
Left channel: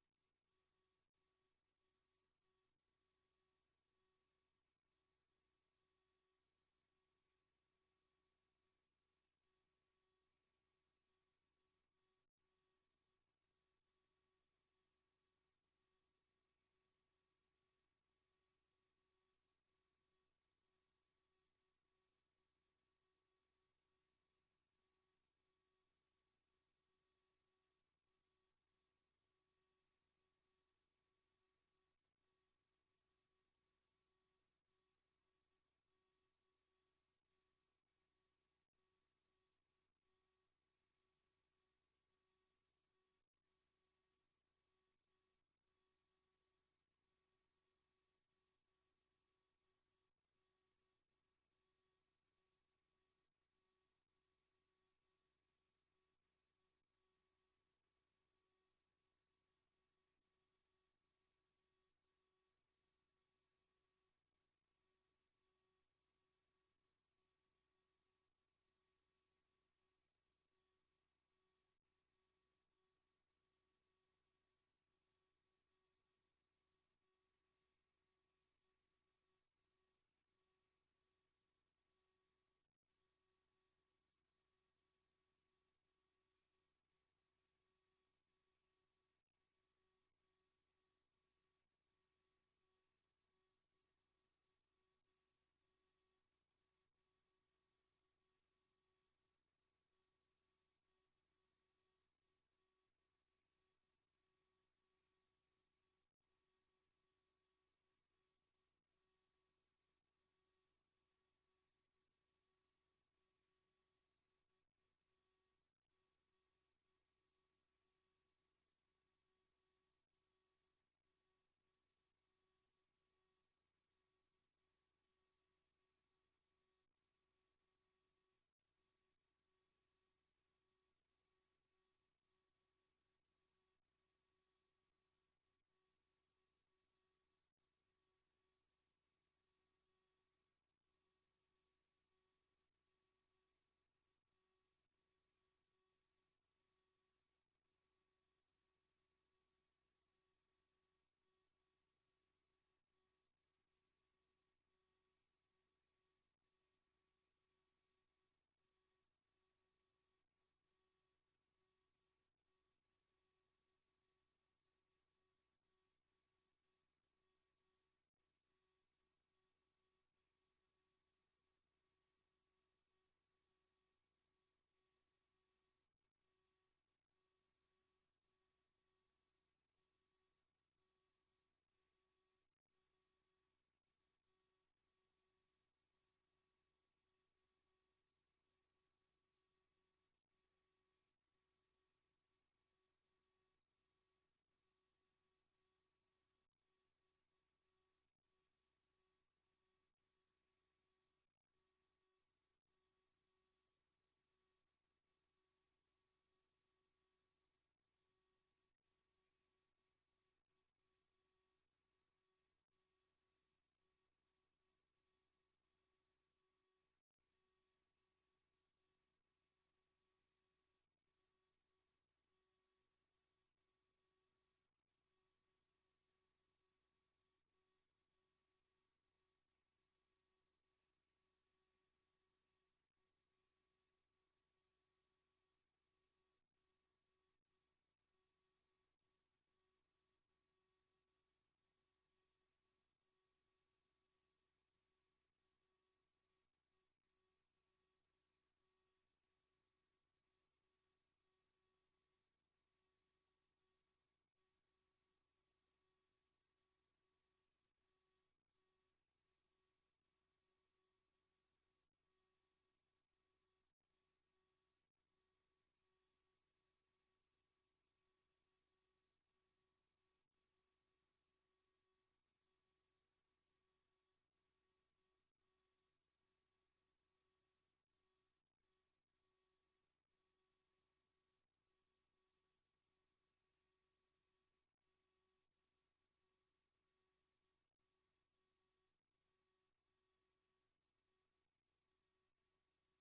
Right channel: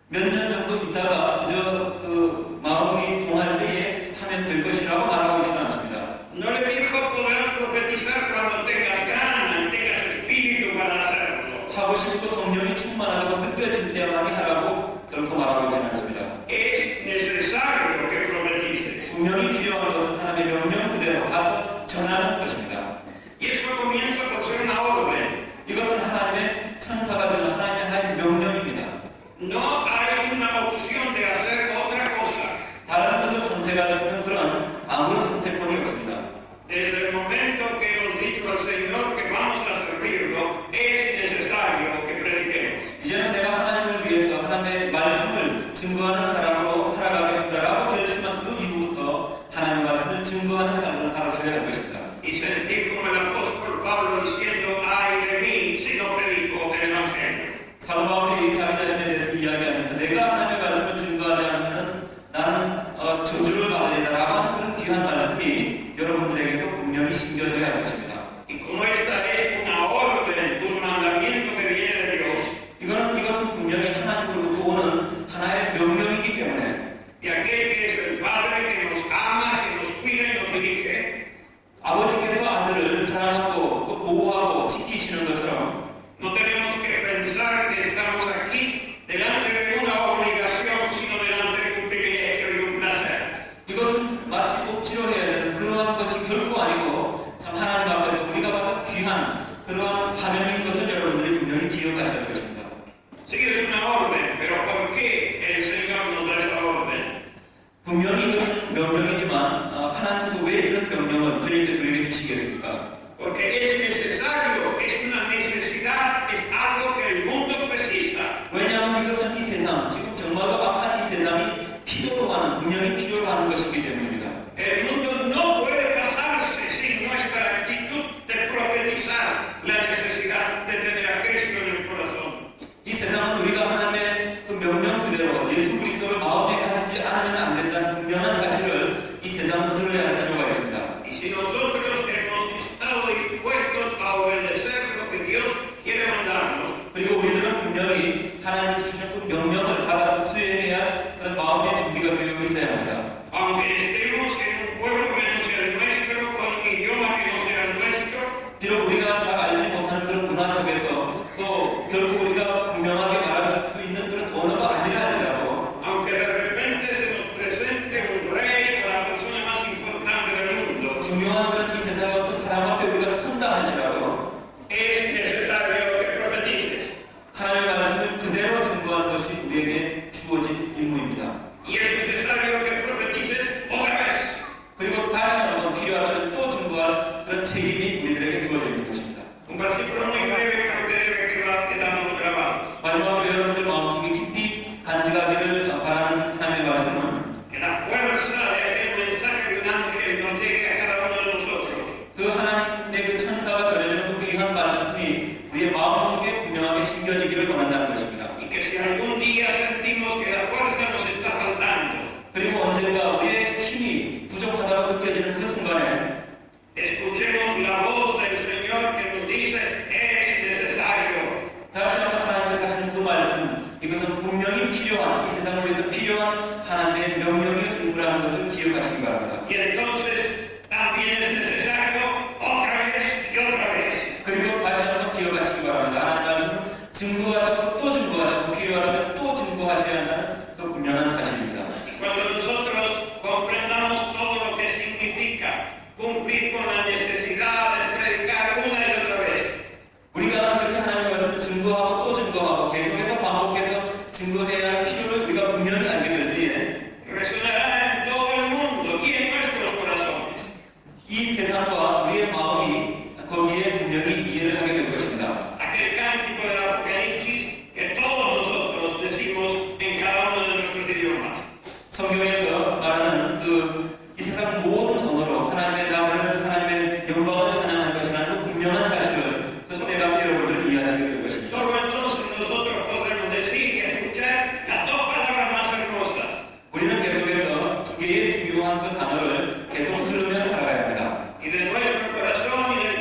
몇 년 정도 있다가 그저 그 마음이 동할 때에 하면 될 것이라고 말하고 있지는 않습니다. No le dijo, podrás profetizar cuando tengas ganas y tengas espíritu para hacerlo. 하고 싶고 성령이 충만하다고 느껴질 때만이 하라고 결코 말하고 있지는 않습니다. Es necesario que profetices. 분명히 필요한 것은 하나님의 명령 그대로 가서 전하는 것입니다. Y esto comienza por ser una orden. 이것은 하나님의 천사가 주는 하나님의 하나님 명령입니다. No hay una opción de hacer otra cosa. 다른 것을 선택할 수 있는 그런 아무런 선택권이 없습니다. Desde el momento que hemos dicho al Señor que vamos a servirlo, es necesario que prediquemos. 이제는 내가 하나님을 위해서 하나님의 말씀을 증거하는 사람으로 살아가겠습니다라고 결심한 그 이후부터 하나님의 말씀을 증거하는 삶을 살아셔야 할 것입니다. Y sentir como el apóstol Pablo diciendo, ay de mí si no predico el Evangelio. 사도 바울이 자기 자신에 대해서 이야기하면서 내가 하나님의 말씀을 증거하지 않으면 나는 저주를 받으리라고 하는 그런 귀한 말씀이 여러분들에게도 분명히 심겨져야 할 것입니다. Y como esta es una orden, un mandamiento que viene de Dios, 이것은 분명히 하나님으로부터 오는 하나의 명령이기 때문에 y aquel que es el Padre que nos ama, que nos cuida y nos dirige, 아버지께서 아들을 사랑하고 또 보호하고 지키시는 것처럼 no tenemos que pensar que estamos aquí delante de una obligación, sino delante de un privilegio y un placer. 이것은 마치 억지로 해야 되는 그러한 것이 결코 아니고 참 하나님 앞에서 우리가 받은 귀한 그러한 사명인 것을 여러분들이 분명히 기억하셔야 할 것입니다. Sí que es una orden, pero ¿por qué el Señor nos da esa orden? 분명히 이것은 명령이지만 하나님께서 왜 이런 명령을 주님께서 우리에게 주시겠습니까? Porque es necesario, es una necesidad, es algo que el mundo precisa. 왜냐하면 이것은 이 세상, 지금 정말로 악한 이 세상이 필요로 하는, 분명히 필요로 하는 것이기 때문입니다. El mundo no puede pasarse sin nuestra actitud de profetizar la necesidad de tener a Cristo en el corazón. 이 세상은 우리가 하나님의 그 명령 그대로 예수 그리스도를 마음에 가지지 않으면 안 된다는 분명한 사실을 이 세상은 들어야 할 필요가 있습니다. Y si nosotros hemos estado dispuestos a obedecer lo que Dios quiere mandarnos, 그리고 우리들은 분명히 하나님께서 주시는 그 명령을 받아서 수행해야 할 그런 마음의 준비가 되어 있어야 합니다. aunque estemos en un pueblo que no sea el nuestro, con un idioma que no sea el nuestro, 비록 우리가 잘 알지 못하는 그런 문화 속에서 또 결국 우리가 분명하게 말할 수 있는 그런 언어가 아니라 할지라도 aunque de repente se nos presente un rey o la persona más importante del mundo, 중요한 그런 이 세상의 어떤 사람 앞에 우리가 선다 할지라도 es necesario que profetices. 하나님의 말씀을 그대로 증거하는 것이 우리에게 주어진 임무입니다. Y es necesario que profetices otra vez. 그리고 다시 한번 필요하다면 또 증거할 그런 책임이 우리들에게 주어져 있는 것입니다. Un versículo muy breve pero que debe quedarnos grabado. 마지막으로 여러분들 마음속에 깊이 간직하기를 바라는 하나님의 말씀은 Que la fuerza de aquel mensaje de un ángel nos llegue a cada uno de nosotros. 그 하나님의 그 천사가 전해주는 그 귀한 말씀이 우리의 마음속에 분명하게 심겨지기를 원한다는 것입니다. Y que si algún día sentimos que la fuerza nos está faltando, 그리고 언젠가 우리의 힘이 부족하다고 느껴지는 그 순간에 escuchemos la voz del Señor que nos dice, es necesario. 다시 한번 하나님께서 하시는 그 말씀, 이것은 분명히 필요한, 이 세상을 위해서 필요한 하나님의 명령의 인물이라는 것을 기억하시기 바랍니다. Y entonces también es necesario otra vez y otra vez. 그리고 다시 한번 기억하시기 바랍니다. 하나님 말씀 증거하시고 또 증거하시고 필요하다면 또 증거하셔야 한다는 그 분명한 사실입니다. Y cuando nosotros comprendamos todo lo que significa cumplir con la necesidad de predicar una y otra 마음이 거기에 분명히 이해를 하게 될 것입니다. Aquel cántico del Apocalipsis que todos nosotros decimos en cada uno de nuestros idiomas. 성경에서 말하는 이 세상 모든 언어로 하나님의 나라를 하나님의 영광을 찬양할 것이라는 그 분명한 사실을 그때 가서 여러분들 이해하시게 될 것입니다. Solo entonces nosotros podremos decir y escuchar las dos palabras más hermosas. 우리는 계속해서 두 개의 중요한 그 단어를 계속 들으며 살아가야 합니다. Y de nuestro corazón y del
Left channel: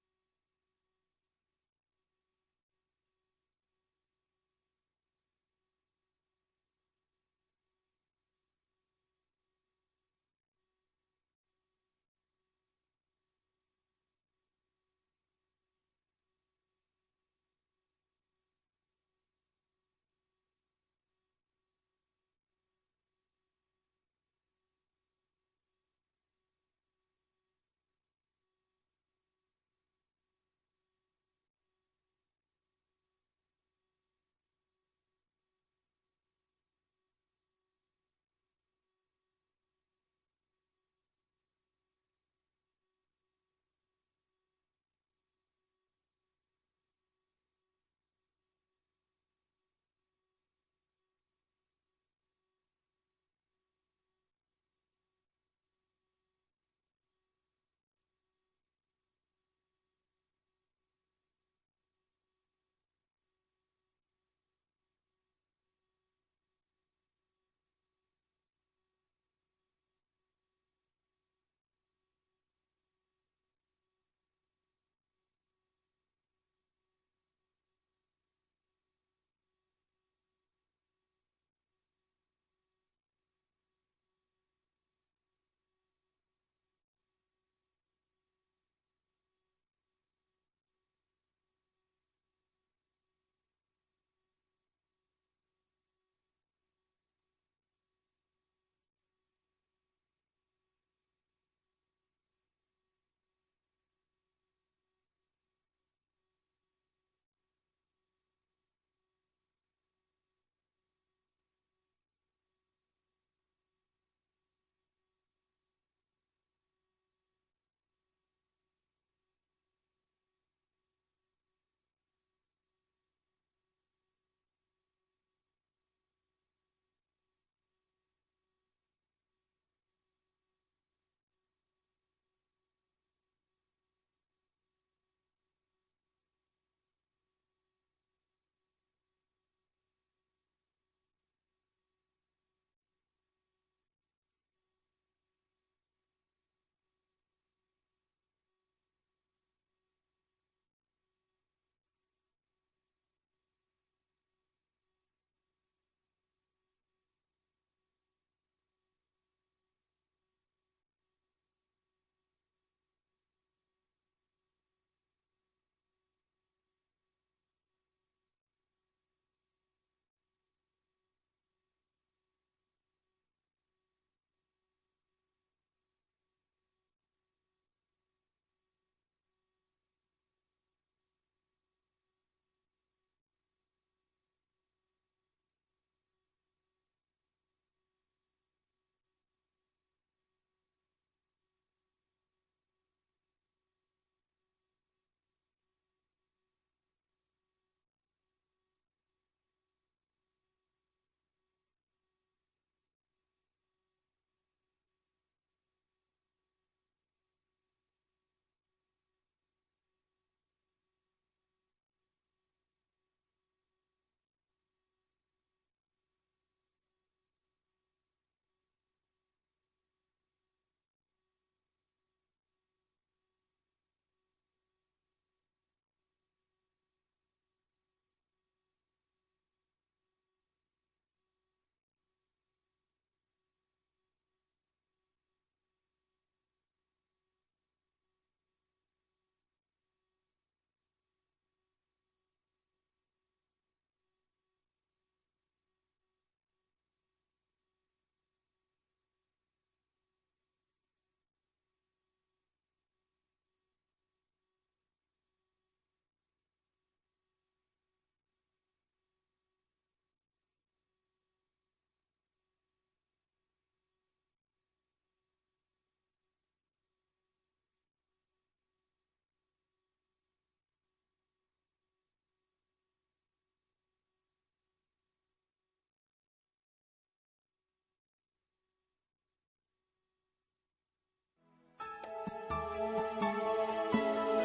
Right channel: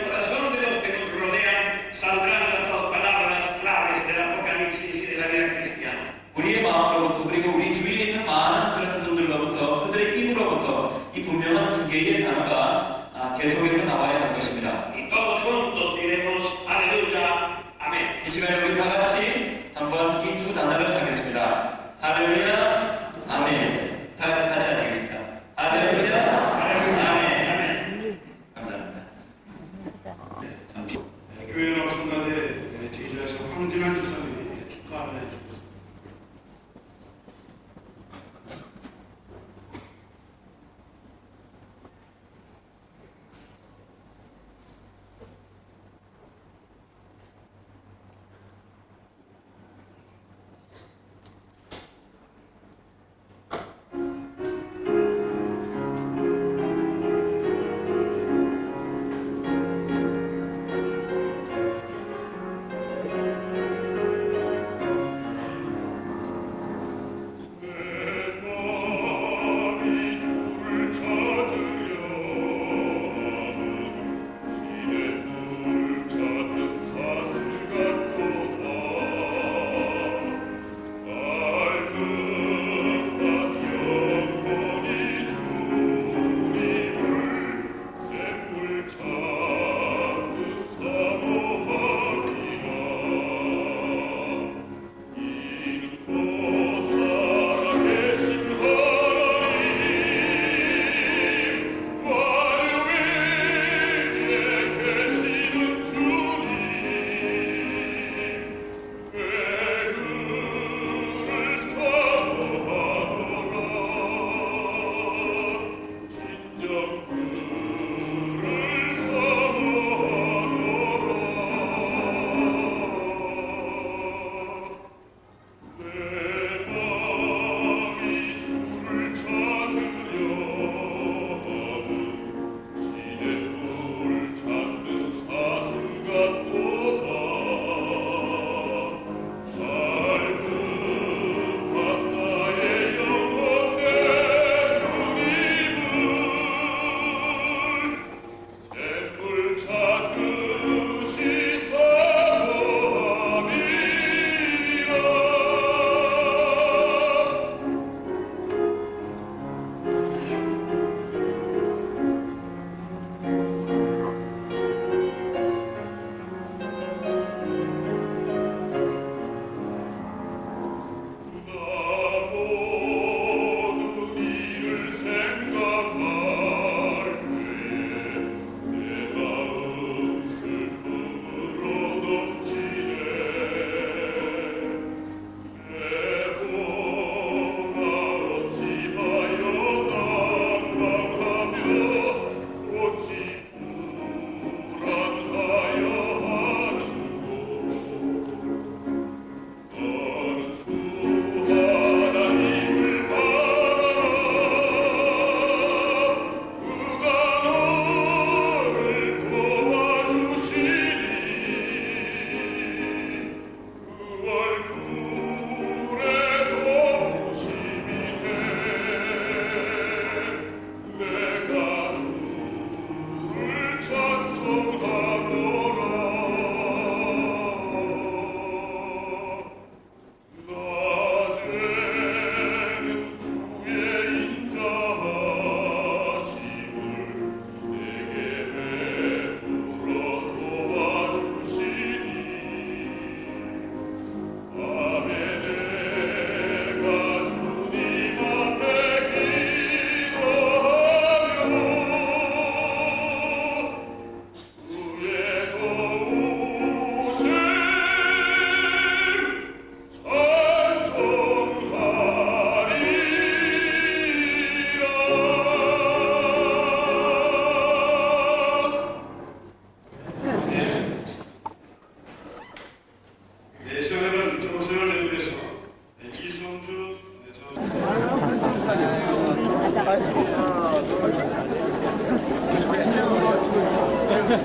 나도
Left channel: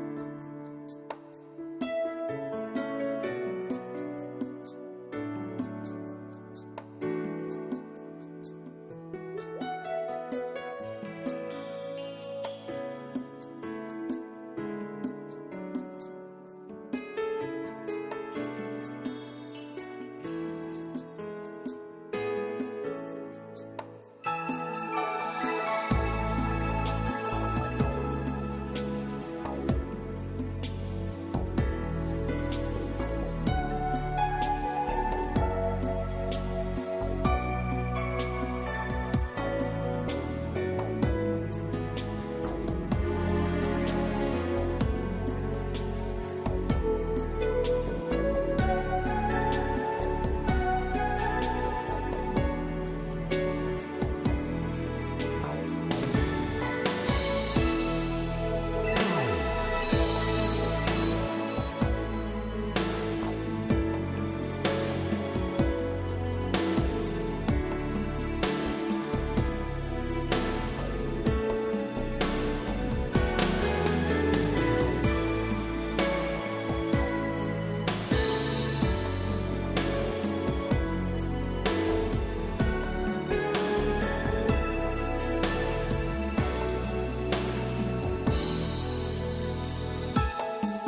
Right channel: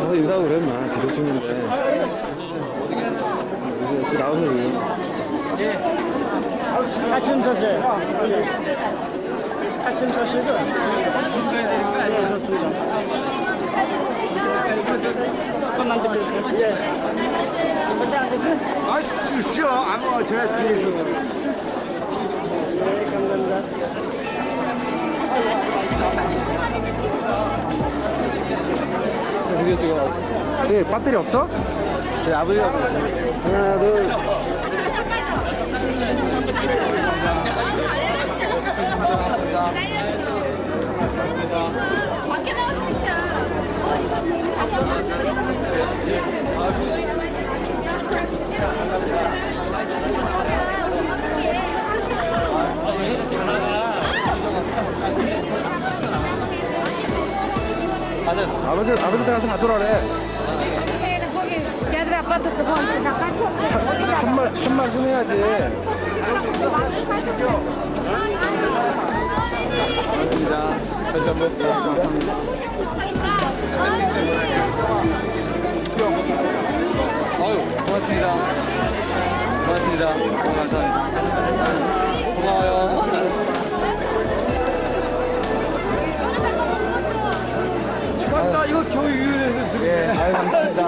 가서 인사하고 그래, 인마. 비디오 찍는데. 이제 나오는 이유. 아침 사실. 아침 사실도. 네, 좋습니다. 한번만 드릴게요. 예. 먼저 앉으세요. 아, 쉬어. 아무 제가 뒤에 있어서. 네, 감사합니다. 비디오 찍어. 네, 배터리 없어? 네, 아버지가. 하나, 둘. 밖에 나가서 진짜. 아버지가 아버지 가서 가져라래. 거기 쟤들 아빠도 그거 잠깐 한말 좀 해야지. 아유, 고맙습니다. 고맙습니다. 감사합니다. 고마워요. 맞다, 이거 겨우 유연해서. 예, 아유, 감사합니다.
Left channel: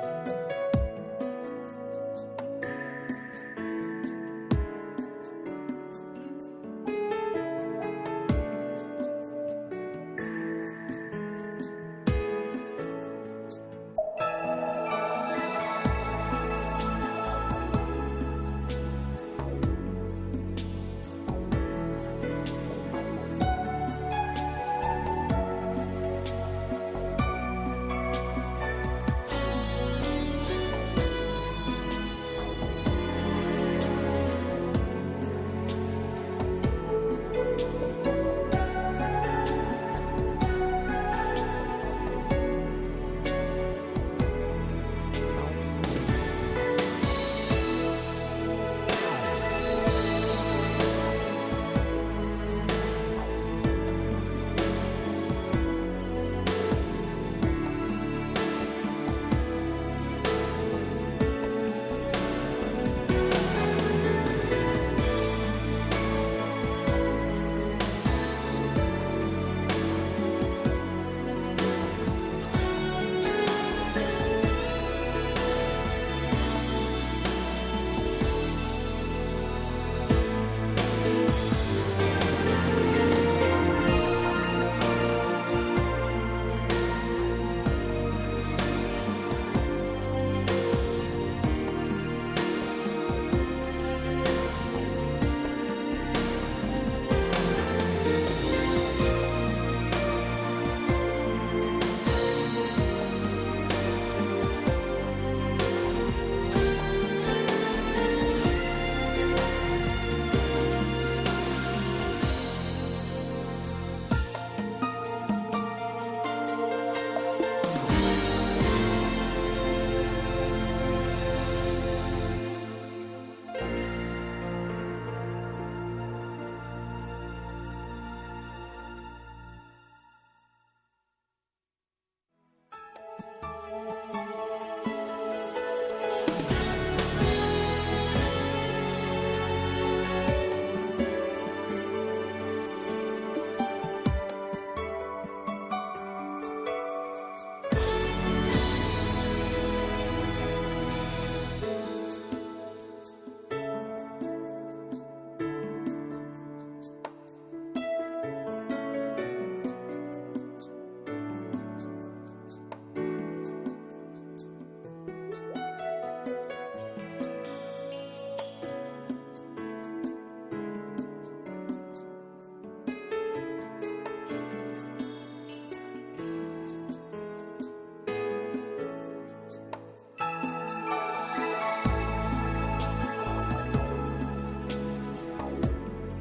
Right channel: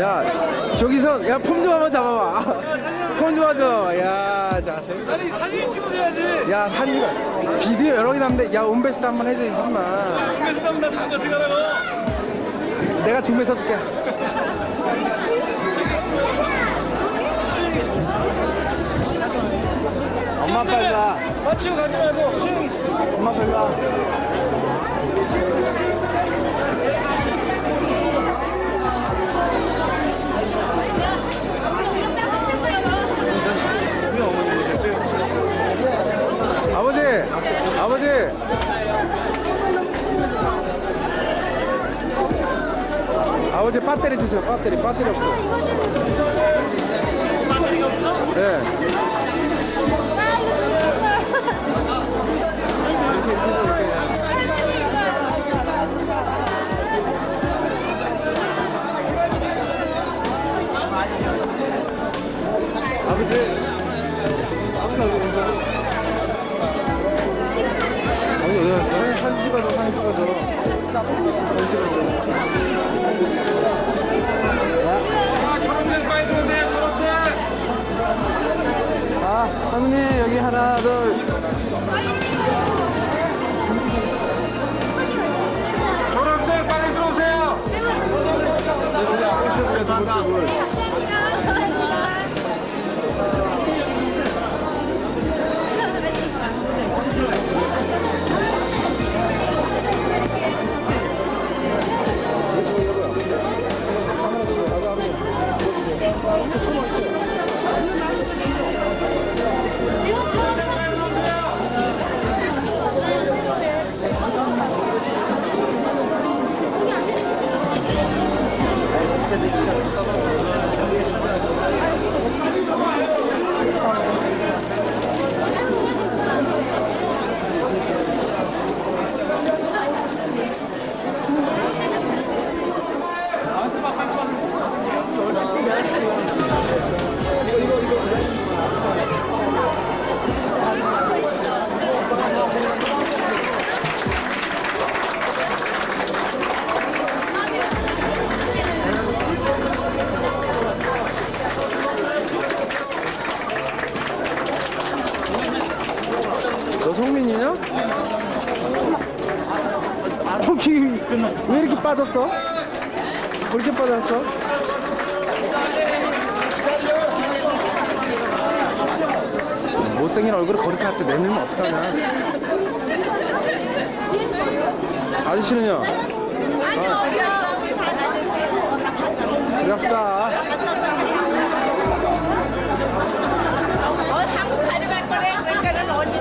야, 저기서, 야, 폼 좀 한번 잡아봐. 폼 좀 하죠. 야, 자, 아니, 사진 찍어줘야지. 야, 사진 찍어. 비디오 여러 개 남는데, 야, 온베스트 한번 해줘, 임마. 온베스트 한번 잠깐 들어가라고. 내가 준비해서 줄게. 엄마 빨리 와. 맞추고 가지 말고 스윙. 엄마 빨리 와. 아버지, 아버지. 아버지 배터리 주세요. 배터리 없어. 배터리가 없어? 네. 할머니 여기 하나 둘. 졸업생 빨리 들어오세요. 너 성민이냐? 거기 왜 이렇게 빠졌어? 왜 이렇게 빠졌어? 못생긴 얼굴을 거리에 갖다 내밀면 어떡하냐. 아저씨는요? 그래 합시다. 한국 가져갈 거래. 그러니까는 언니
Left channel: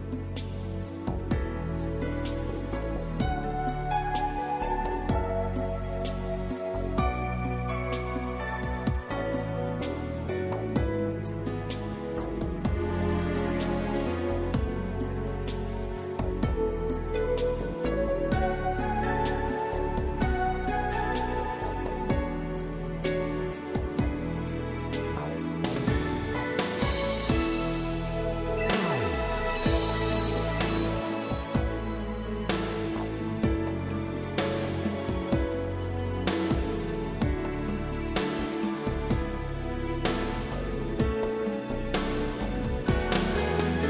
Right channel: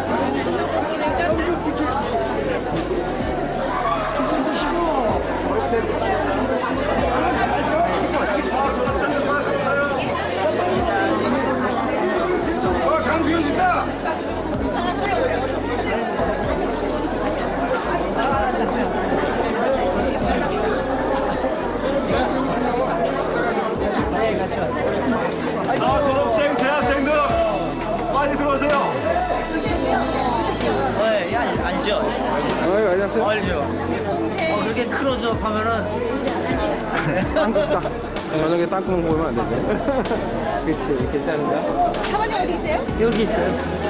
졸업생 대학생들 빨리 들어오세요. 예, 알죠? 어이, 안녕하세요. 알죠? 그렇게 크로스업 하면은 땅콩 저녁에 땅콩 보면 안 되죠. 그치, 괜찮은데? 사모님 어디 있어요? 여기 있어요.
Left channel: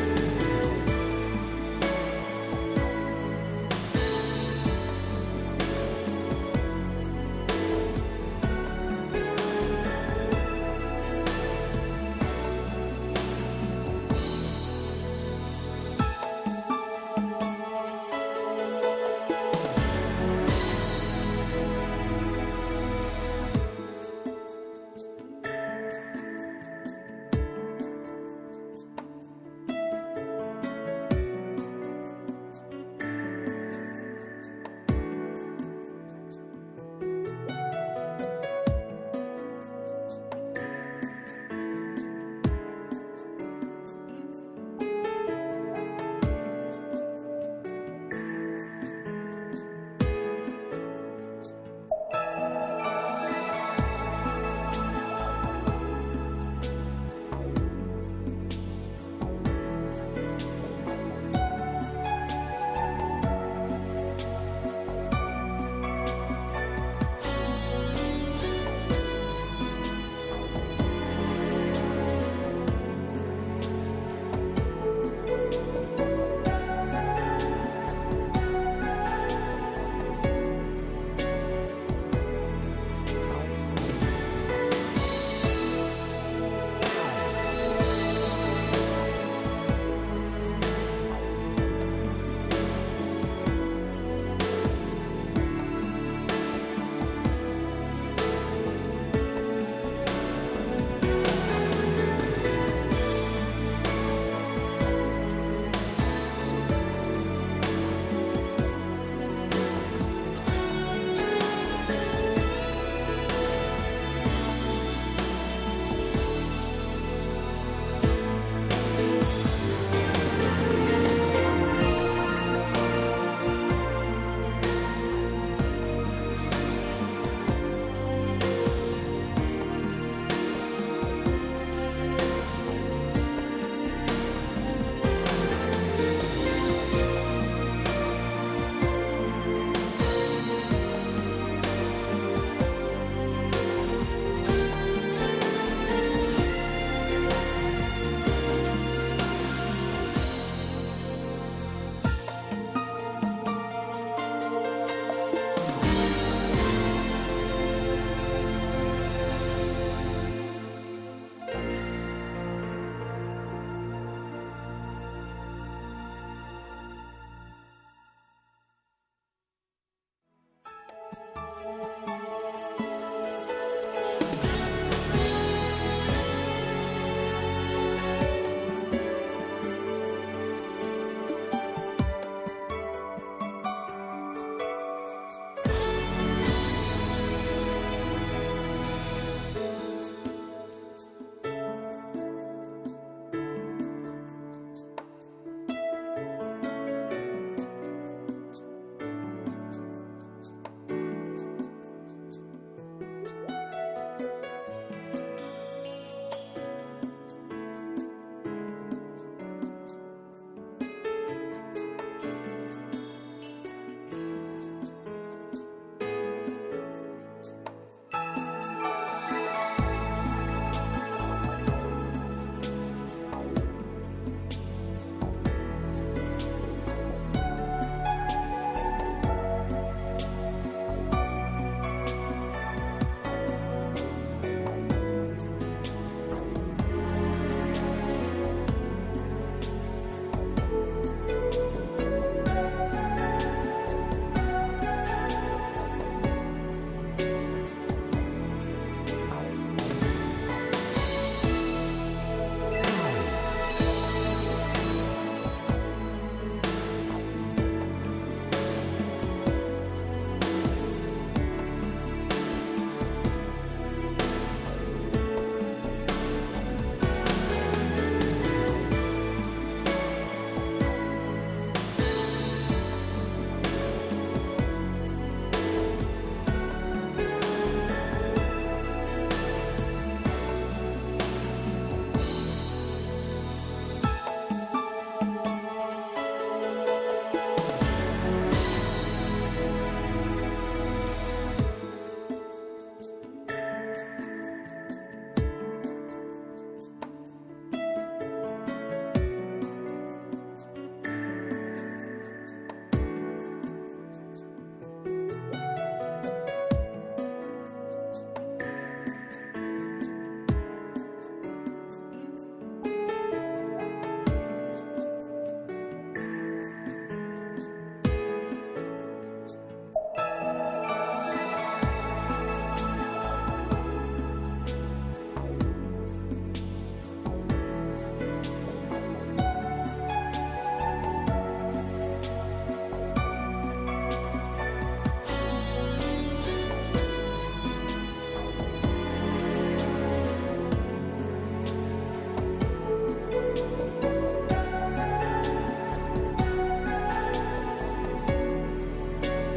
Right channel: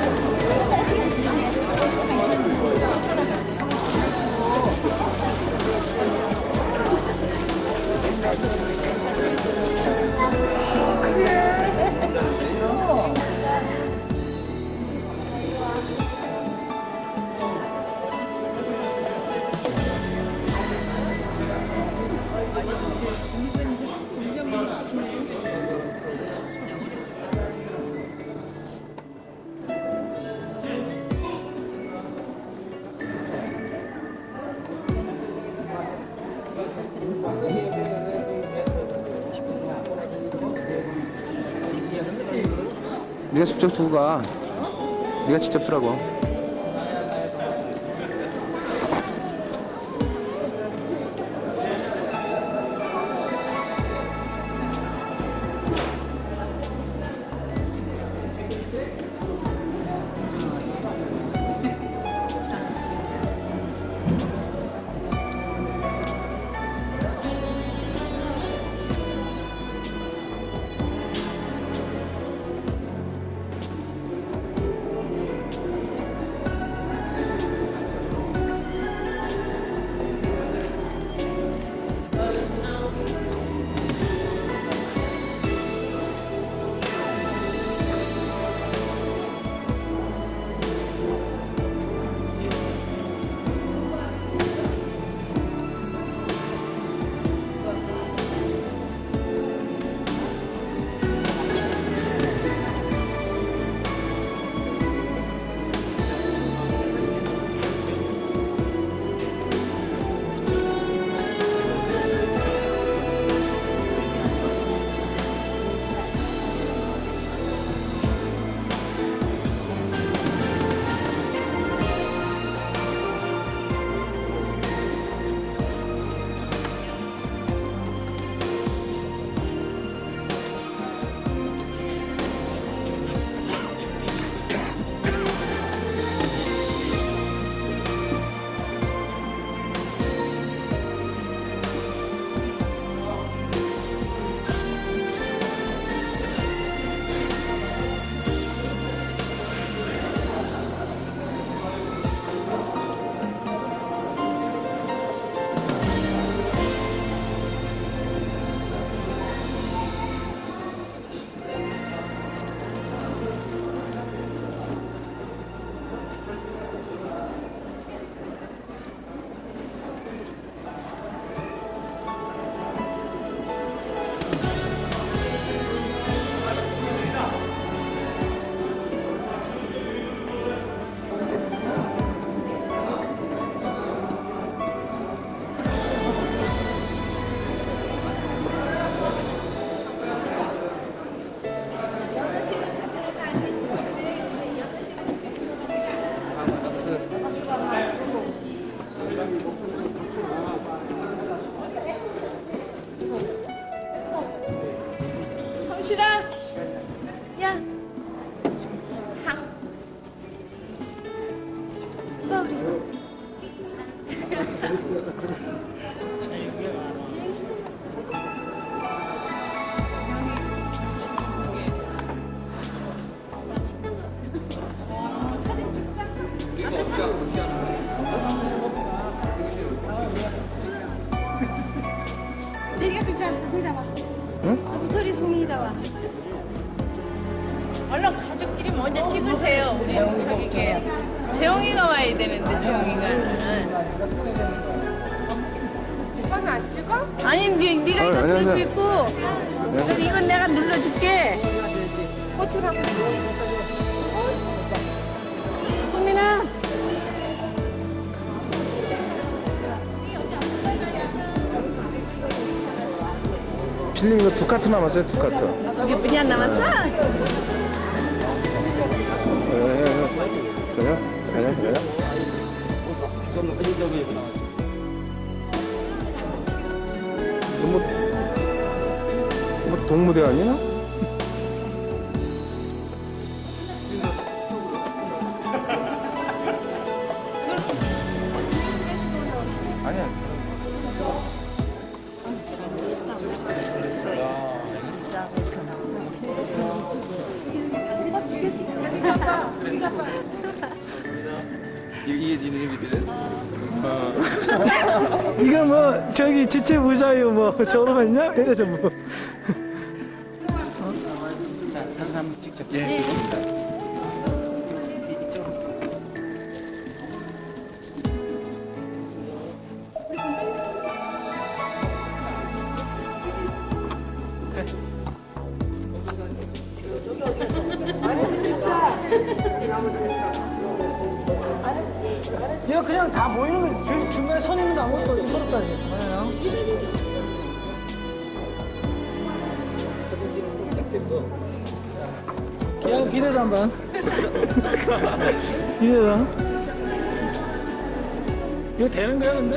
네가 직접 두고 가. 네가 직접 주라고. 얼른 가족끼리 먼저 찍으세요. 우리 저기게 재영이가 와야 되는데 재영이가. 이건 안 찍어? 아니 네가 이거 들고 있고 이건 내가 눌러줄게. 꽃을 갖고. 소민아. 필름 이거 2카트 남았어요, 2카트. 두 개뿐이 안 남았어? 그래요? 그래요? 뭐 동무대 아니야? 이거 뭐 저기 지체 부사요 뭐 졸업했냐? 이래서 뭐. 이거 그냥 다 모이는 거 중간에 선 있는 거 아무것도 없다니. 그냥 비대단반. 비대단. 이거 되는 거야 근데?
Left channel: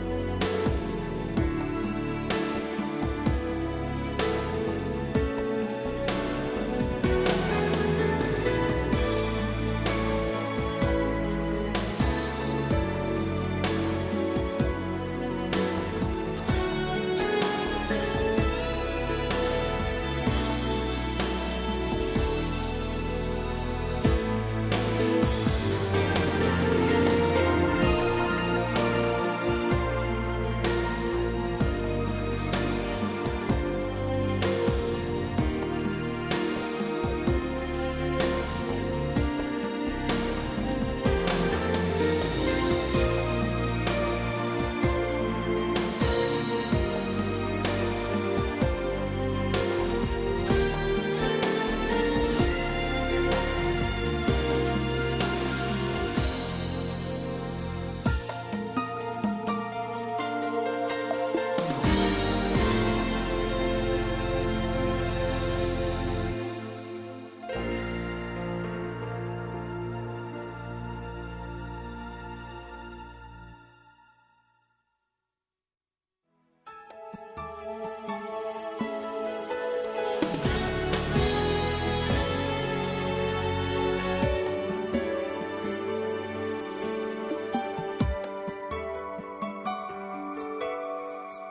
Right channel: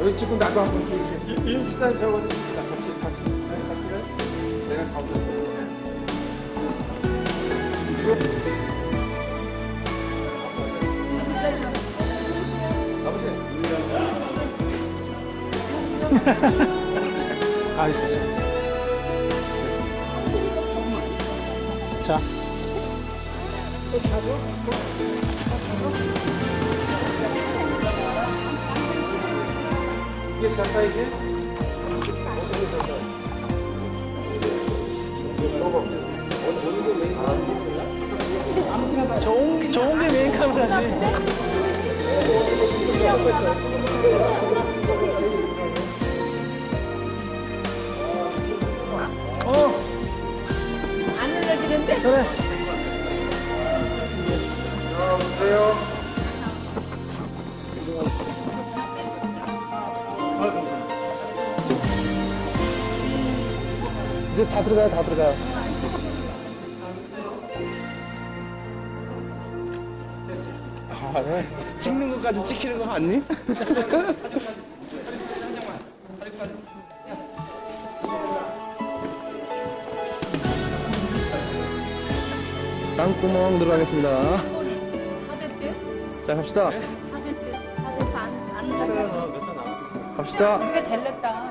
여기 찍고 나가. 일단 저거. 알겠어. 자. 이게 샷사이즈? 좋은 게 메인 카메라지. 안 눌러지는데? 그래. 이제 다 들어가요, 다 들어가요. 아, 그래? 찍는 것까지 찍히는 거 맞니? 땅구멍 들어가겠습니다. 자, 갑시다. 갑시다. 이거 잘 났다.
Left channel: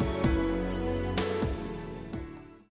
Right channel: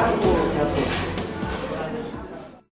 야